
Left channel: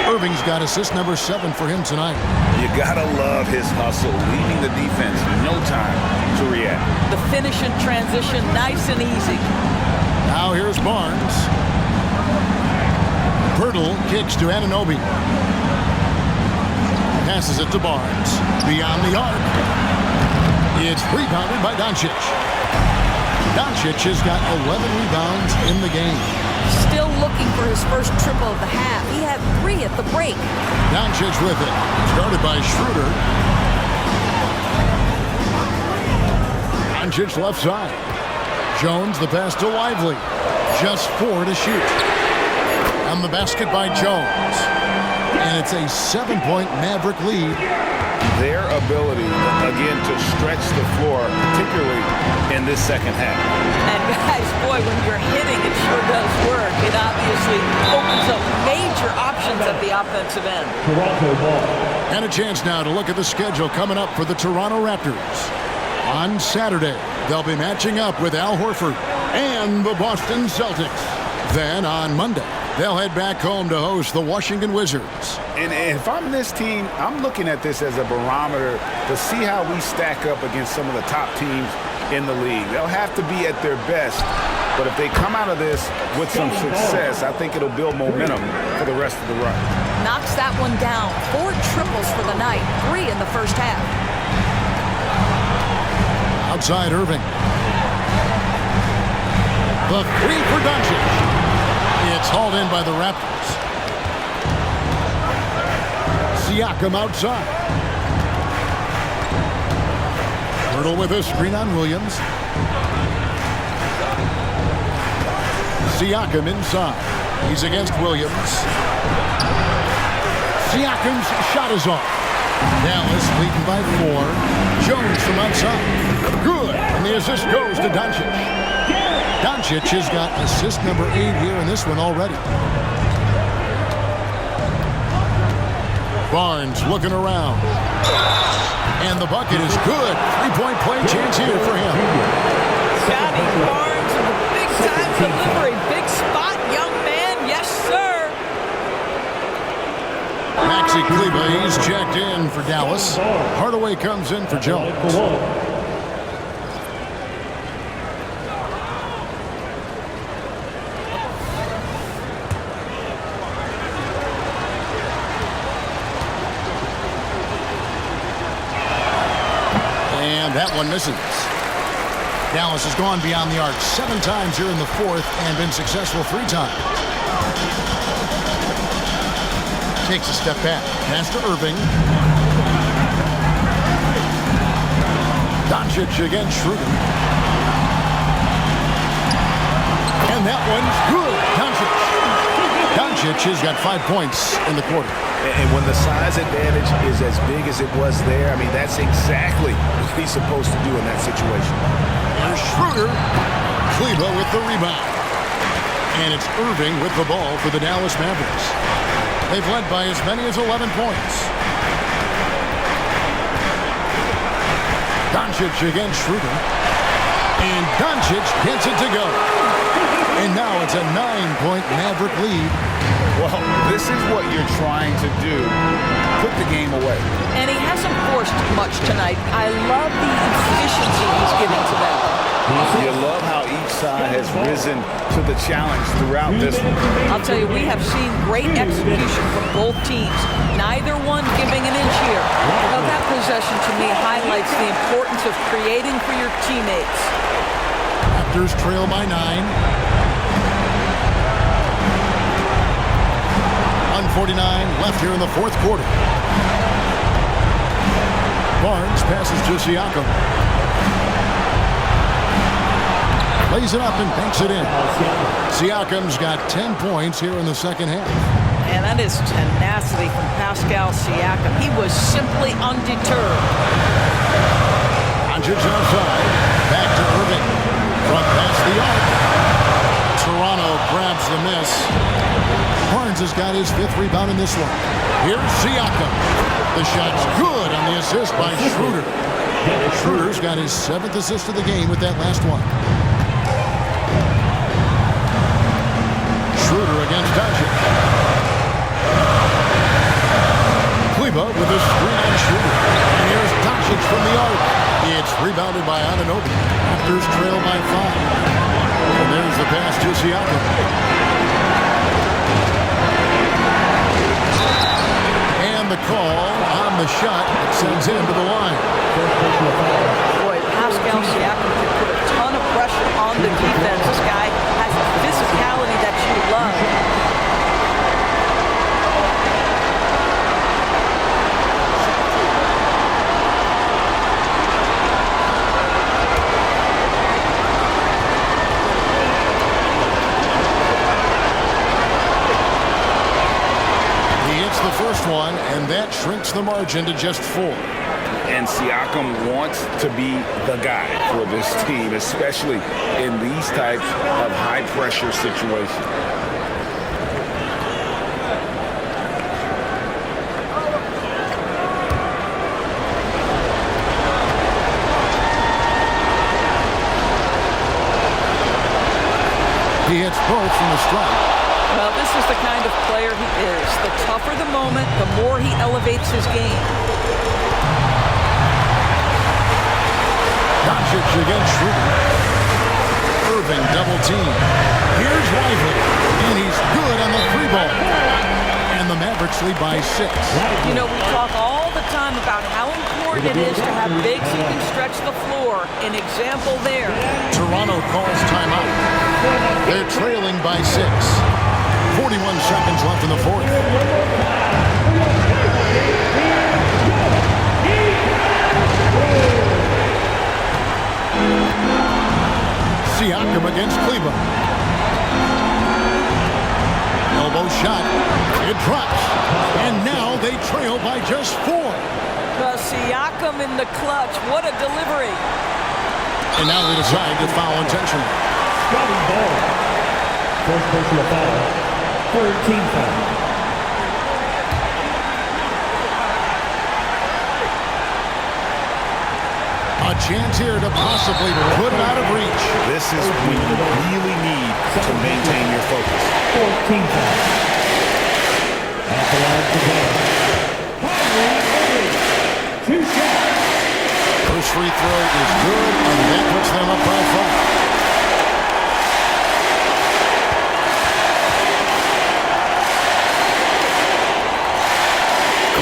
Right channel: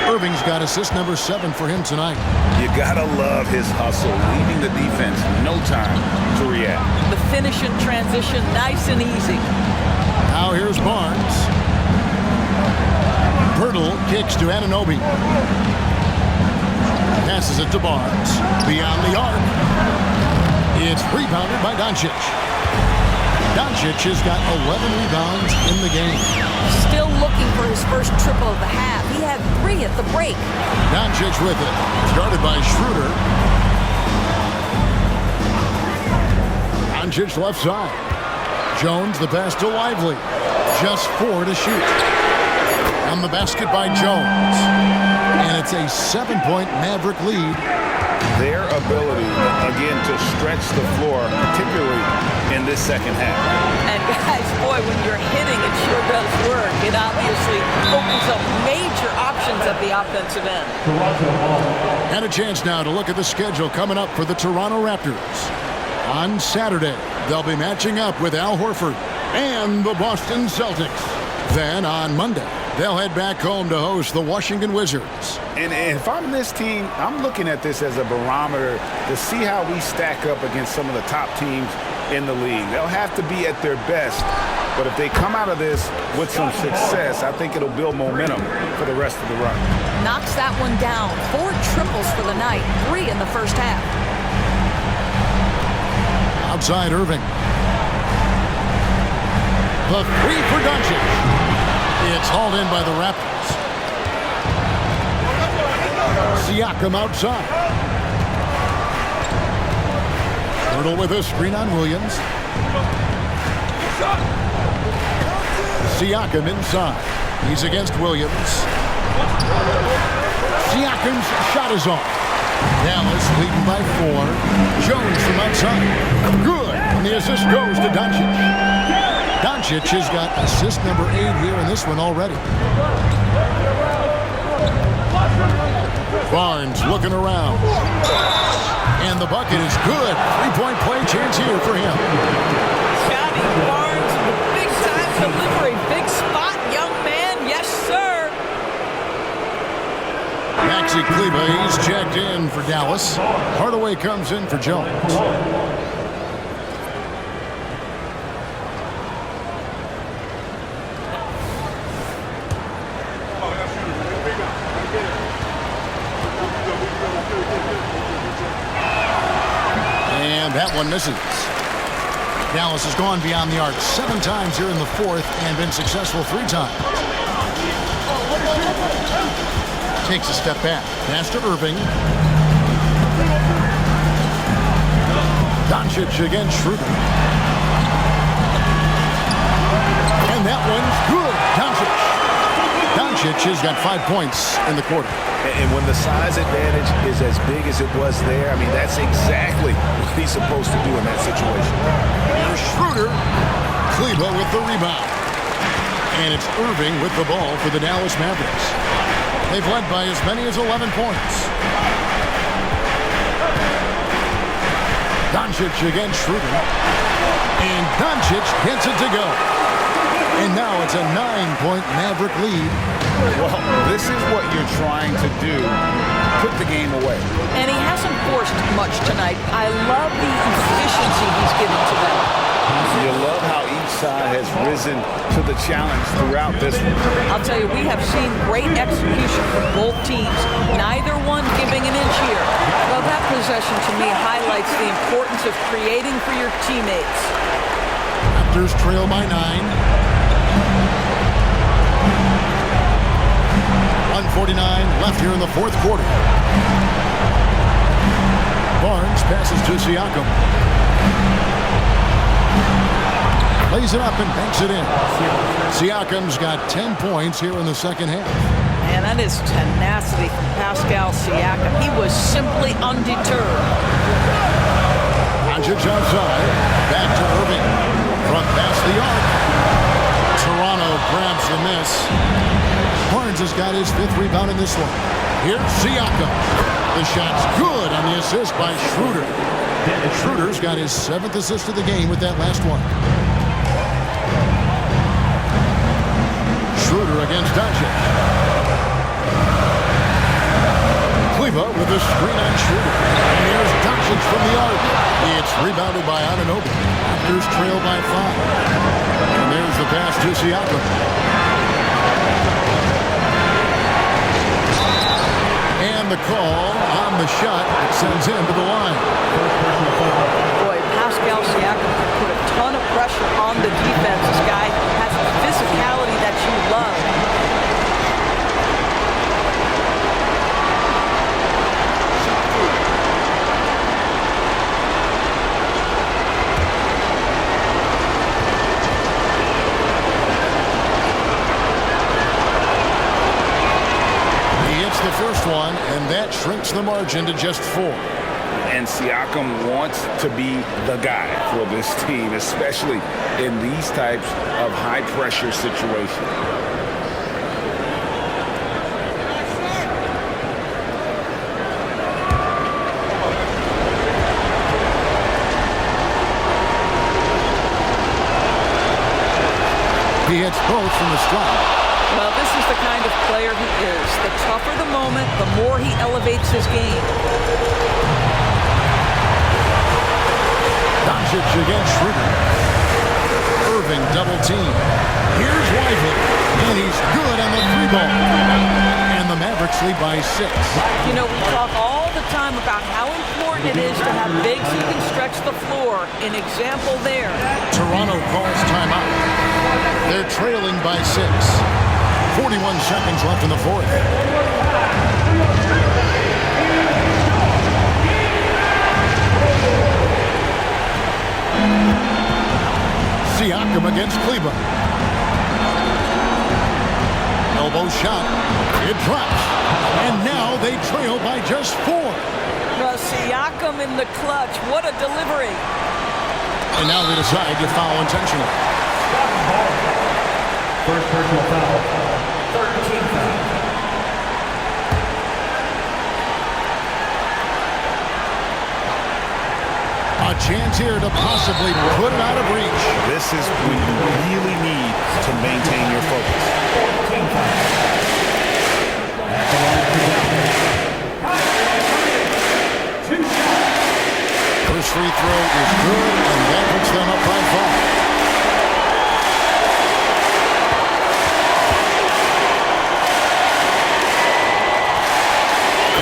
Irving's got assist number 7 for him tonight. You gotta love his hustle, leaving the defense no time to react. The finish in transition, nice and easy. Now here's Barnes. Pirtle kicks to Anunoby. Passes it to Barnes. Beyond the arc. It's rebounded by Doncic. Doncic has got 11 rebounds in the game. Still looking for his first triple of the half. He had 3 at the break. Doncic with it. Started by Schroeder. Doncic left side. Jones the pass to Lively. Just 4 to shoot. And the basket by Jones. And it's a 7-point Maverick lead. Their ability, again, to stretch the floor, particularly in this second half. And guys, boy, when you're hitting, it sure does work. It obviously opens up major options at the offensive end. Toronto ball. And a chance now to look at the schedule coming up for the Toronto Raptors. On Saturday, they'll be matching up with Al Horford and the Boston Celtics. Then on Monday, they'll head back home to host the Washington Wizards. And if I'm this team, I'm looking at this as a barometer to see how we stack up against some of the top teams in the league. They'll have to be at their best, but if they come out of this with some success, I think it'll build momentum for the rest of the run. Knocks that one down. 4 triples for the night, 3 in the first half. Outside Irving. The 3 for Doncic. It's hauled in by the Raptors. Siakam outside. Pirtle with a screen on Williams. Siakam inside. He's against Williams. Siakam's shot is off. Dallas leading by 4. Jones from outside. Good. And the assist goes to Doncic. Doncic has got assist number 8 here in this one already. Barnes looking around. And the bucket is good. 3-point play chance here for him. Scotty Barnes with the big-time delivery. Big spot, young man. Yes, sir. Maxi Kleber, he's checked in for Dallas. Hardaway comes in for Jones. And that one misses. Dallas has gone beyond the arc 7 times here in the fourth and been successful 3 times. Takes a step back. Pass to Irving. Doncic against Schroeder. And that one's good. Doncic has got 5 points in the quarter. And when the size advantage is as big as it was there, I mean, that's exactly what he's supposed to do in that situation. Here's Schroeder. Kleber with the rebound. And it's Irving with the ball for the Dallas Mavericks. They've led by as many as 11 points. Doncic against Schroeder. And Doncic gets it to go. And now it's a 9-point Maverick lead. Well, this is what you're trying to do. Put the game away. And he hasn't forced much tonight. I love the efficiency he's giving to them. You love how each side has risen to the challenge throughout this one. I'll tell you, we have seen great execution from both teams. Neither one giving an inch here. Well, that possession to me highlights the importance of creating for your teammates. Raptors trail by 9. 1:49 left here in the fourth quarter. Barnes passes to Siakam. Lays it up and banks it in. Siakam's got 10 points here in the second half. And that is tenacity from Pascal Siakam. He was simply undeterred. Doncic outside. Back to Irving. Front past the arc. Toronto grabs the miss. Barnes has got his 5th rebound in this one. Here's Siakam. The shot's good on the assist by Schroeder. Schroeder's got his 7th assist of the game with that last one. Schroeder against Doncic. Kleber with a screen on Schroeder. And here's Doncic from the arc. It's rebounded by Anunoby. Raptors trail by 5. And there's the pass to Siakam. And the call on the shot that sends him to the line. Boy, Pascal Siakam can put a ton of pressure on the defense. This guy has a physicality that you love. The first one, and that shrinks the margin to just 4. And Siakam wants to be the guy for this team, especially in these types of high-pressure situations. He hits both from the stripe. Well, this is the kind of player he is. The tougher the moment, the more he elevates his game. Doncic against Schroeder. Irving double team. Here's Lively, and he's good on the 3-ball. And the Mavericks lead by 6. You know, we talk all the time about how important it is to have bigs who can stretch the floor. An example there. Toronto calls timeout. They're trailing by 6. 41 seconds left in the fourth. Siakam against Kleber. Elbow shot. It drops. And now they trail by just 4. Well, Siakam in the clutch. What a delivery. And now they decide to foul intentionally. First personal foul. Third team foul. A chance here to possibly put it out of reach. This is when you really need to maintain your focus. 14 foul. At the line to go. Two shots. First free throw is good, and that puts them up by 5.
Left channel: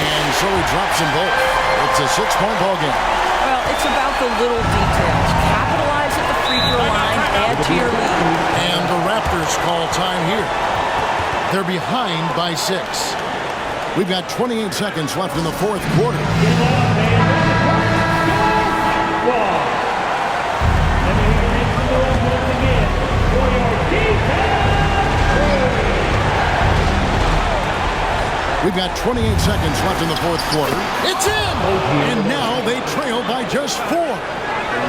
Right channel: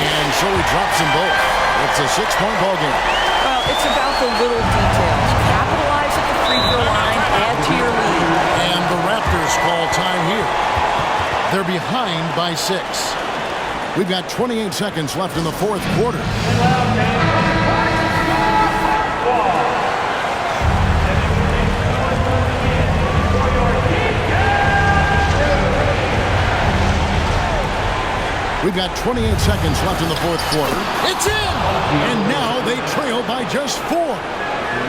And so he drops them both. It's a 6-point ball game. Well, it's about the little details. Capitalize at the free throw line, add to your lead. And the Raptors call time here. They're behind by 6. We've got 28 seconds left in the fourth quarter. We've got 28 seconds left in the fourth quarter. It's in! And now they trail by just 4.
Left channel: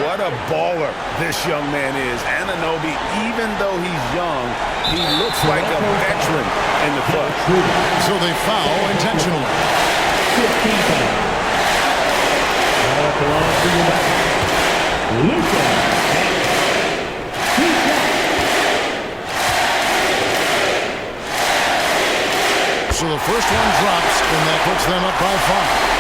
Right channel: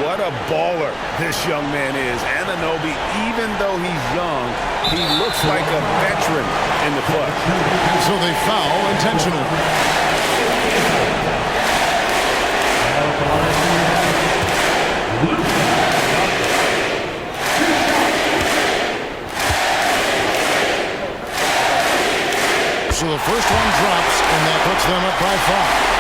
What a baller this young man is. Anunoby, even though he's young, he looks like a veteran in the clutch. And so they foul intentionally. So the first one drops, and that puts them up by 5.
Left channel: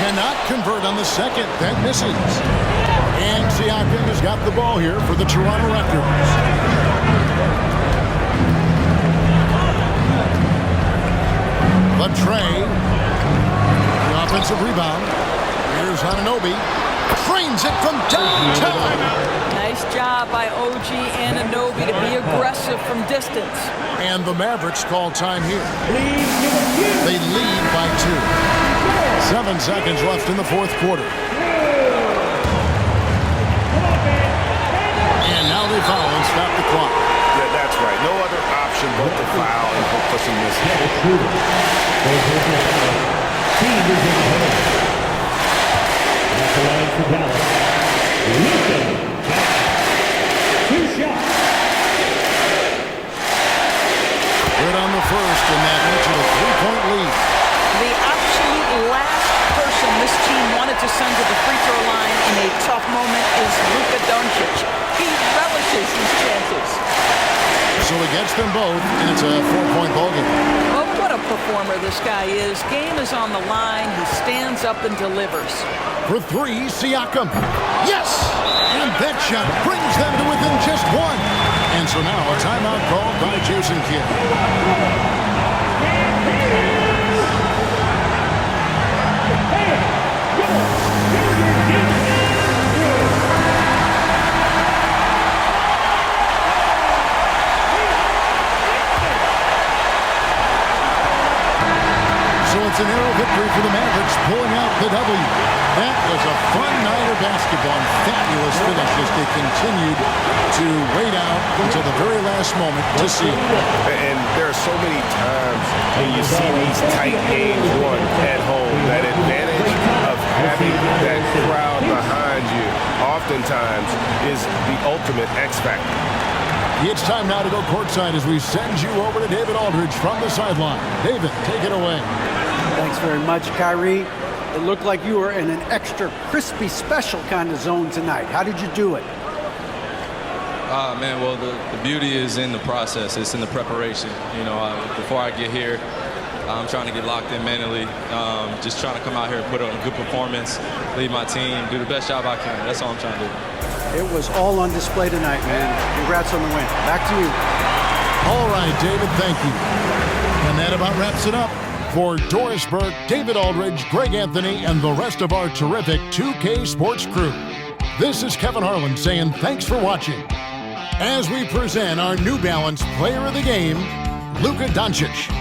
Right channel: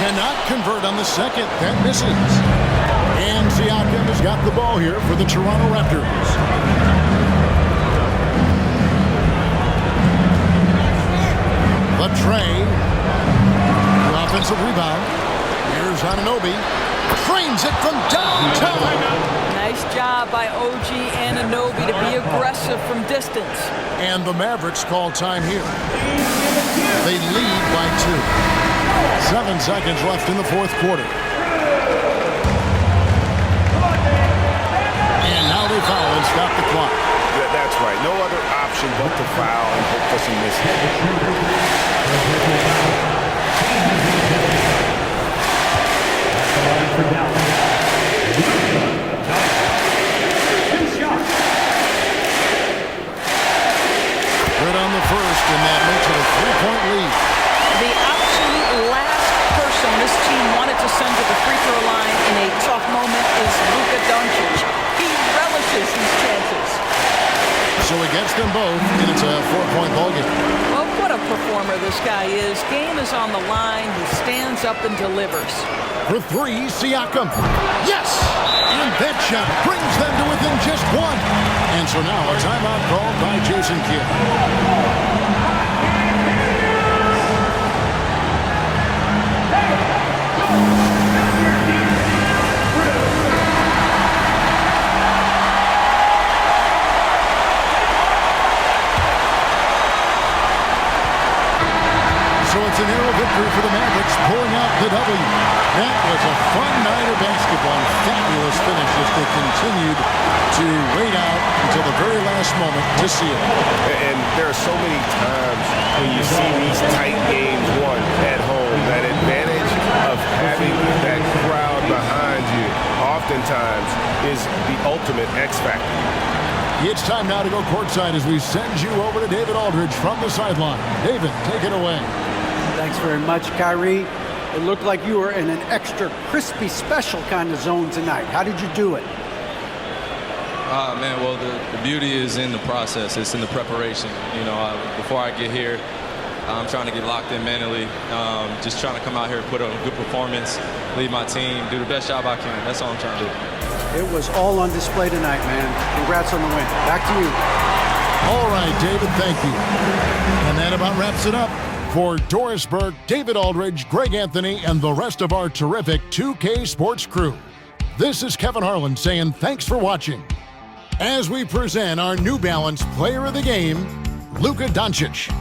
Cannot convert on the second. That misses. And Siakam has got the ball here for the Toronto Raptors. The tray. The offensive rebound. Here's Anunoby. Trains it from downtown. Nice job by OG Anunoby to be aggressive from distance. And the Mavericks call time here. They lead by 2. 7 seconds left in the fourth quarter. And now they foul and stop the clock. Yeah, that's right. No other option but to foul and hope for some misses. Good on the first, and that makes it a 3-point lead. The absolute last person this team wanted to send to the free throw line in a tough moment is Luka Doncic. He relishes these chances. So he gets them both, and it's a 4-point ball game. Well, what a performer this guy is. Game is on the line. He stands up and delivers. For 3, Siakam. Yes! And that shot brings them to within just 1. And so now a timeout called by Jason Kidd. So it's a narrow victory for the Mavericks, pulling out the W. That was a fun night of basketball and fabulous finish as they continued to wait out until the very last moment to seal it. And there are so many times when you see these tight games won at home, that advantage of having that crowd behind you oftentimes is the ultimate X factor. It's time now to go courtside as we send you over to David Aldridge from the sideline. David, take it away. Thanks very much, Kyrie. It looked like you were in an extra crispy special kind of zone tonight. How did you do it? Man, well, the beauty is in the process. It's in the preparation. You know, before I get here, I'm trying to get locked in mentally. Just trying to come out here and put on a good performance, lead my team, do the best job I can. That's all I'm trying to do. It was all on display tonight, man. Congrats on the win. Back to you. All right, David, thank you. And that about wraps it up. For Doris Burke, David Aldridge, Greg Anthony, and the rest of our terrific 2K Sports crew, this is Kevin Harlan saying thanks for watching as we present our New Balance Player of the Game, Luka Doncic.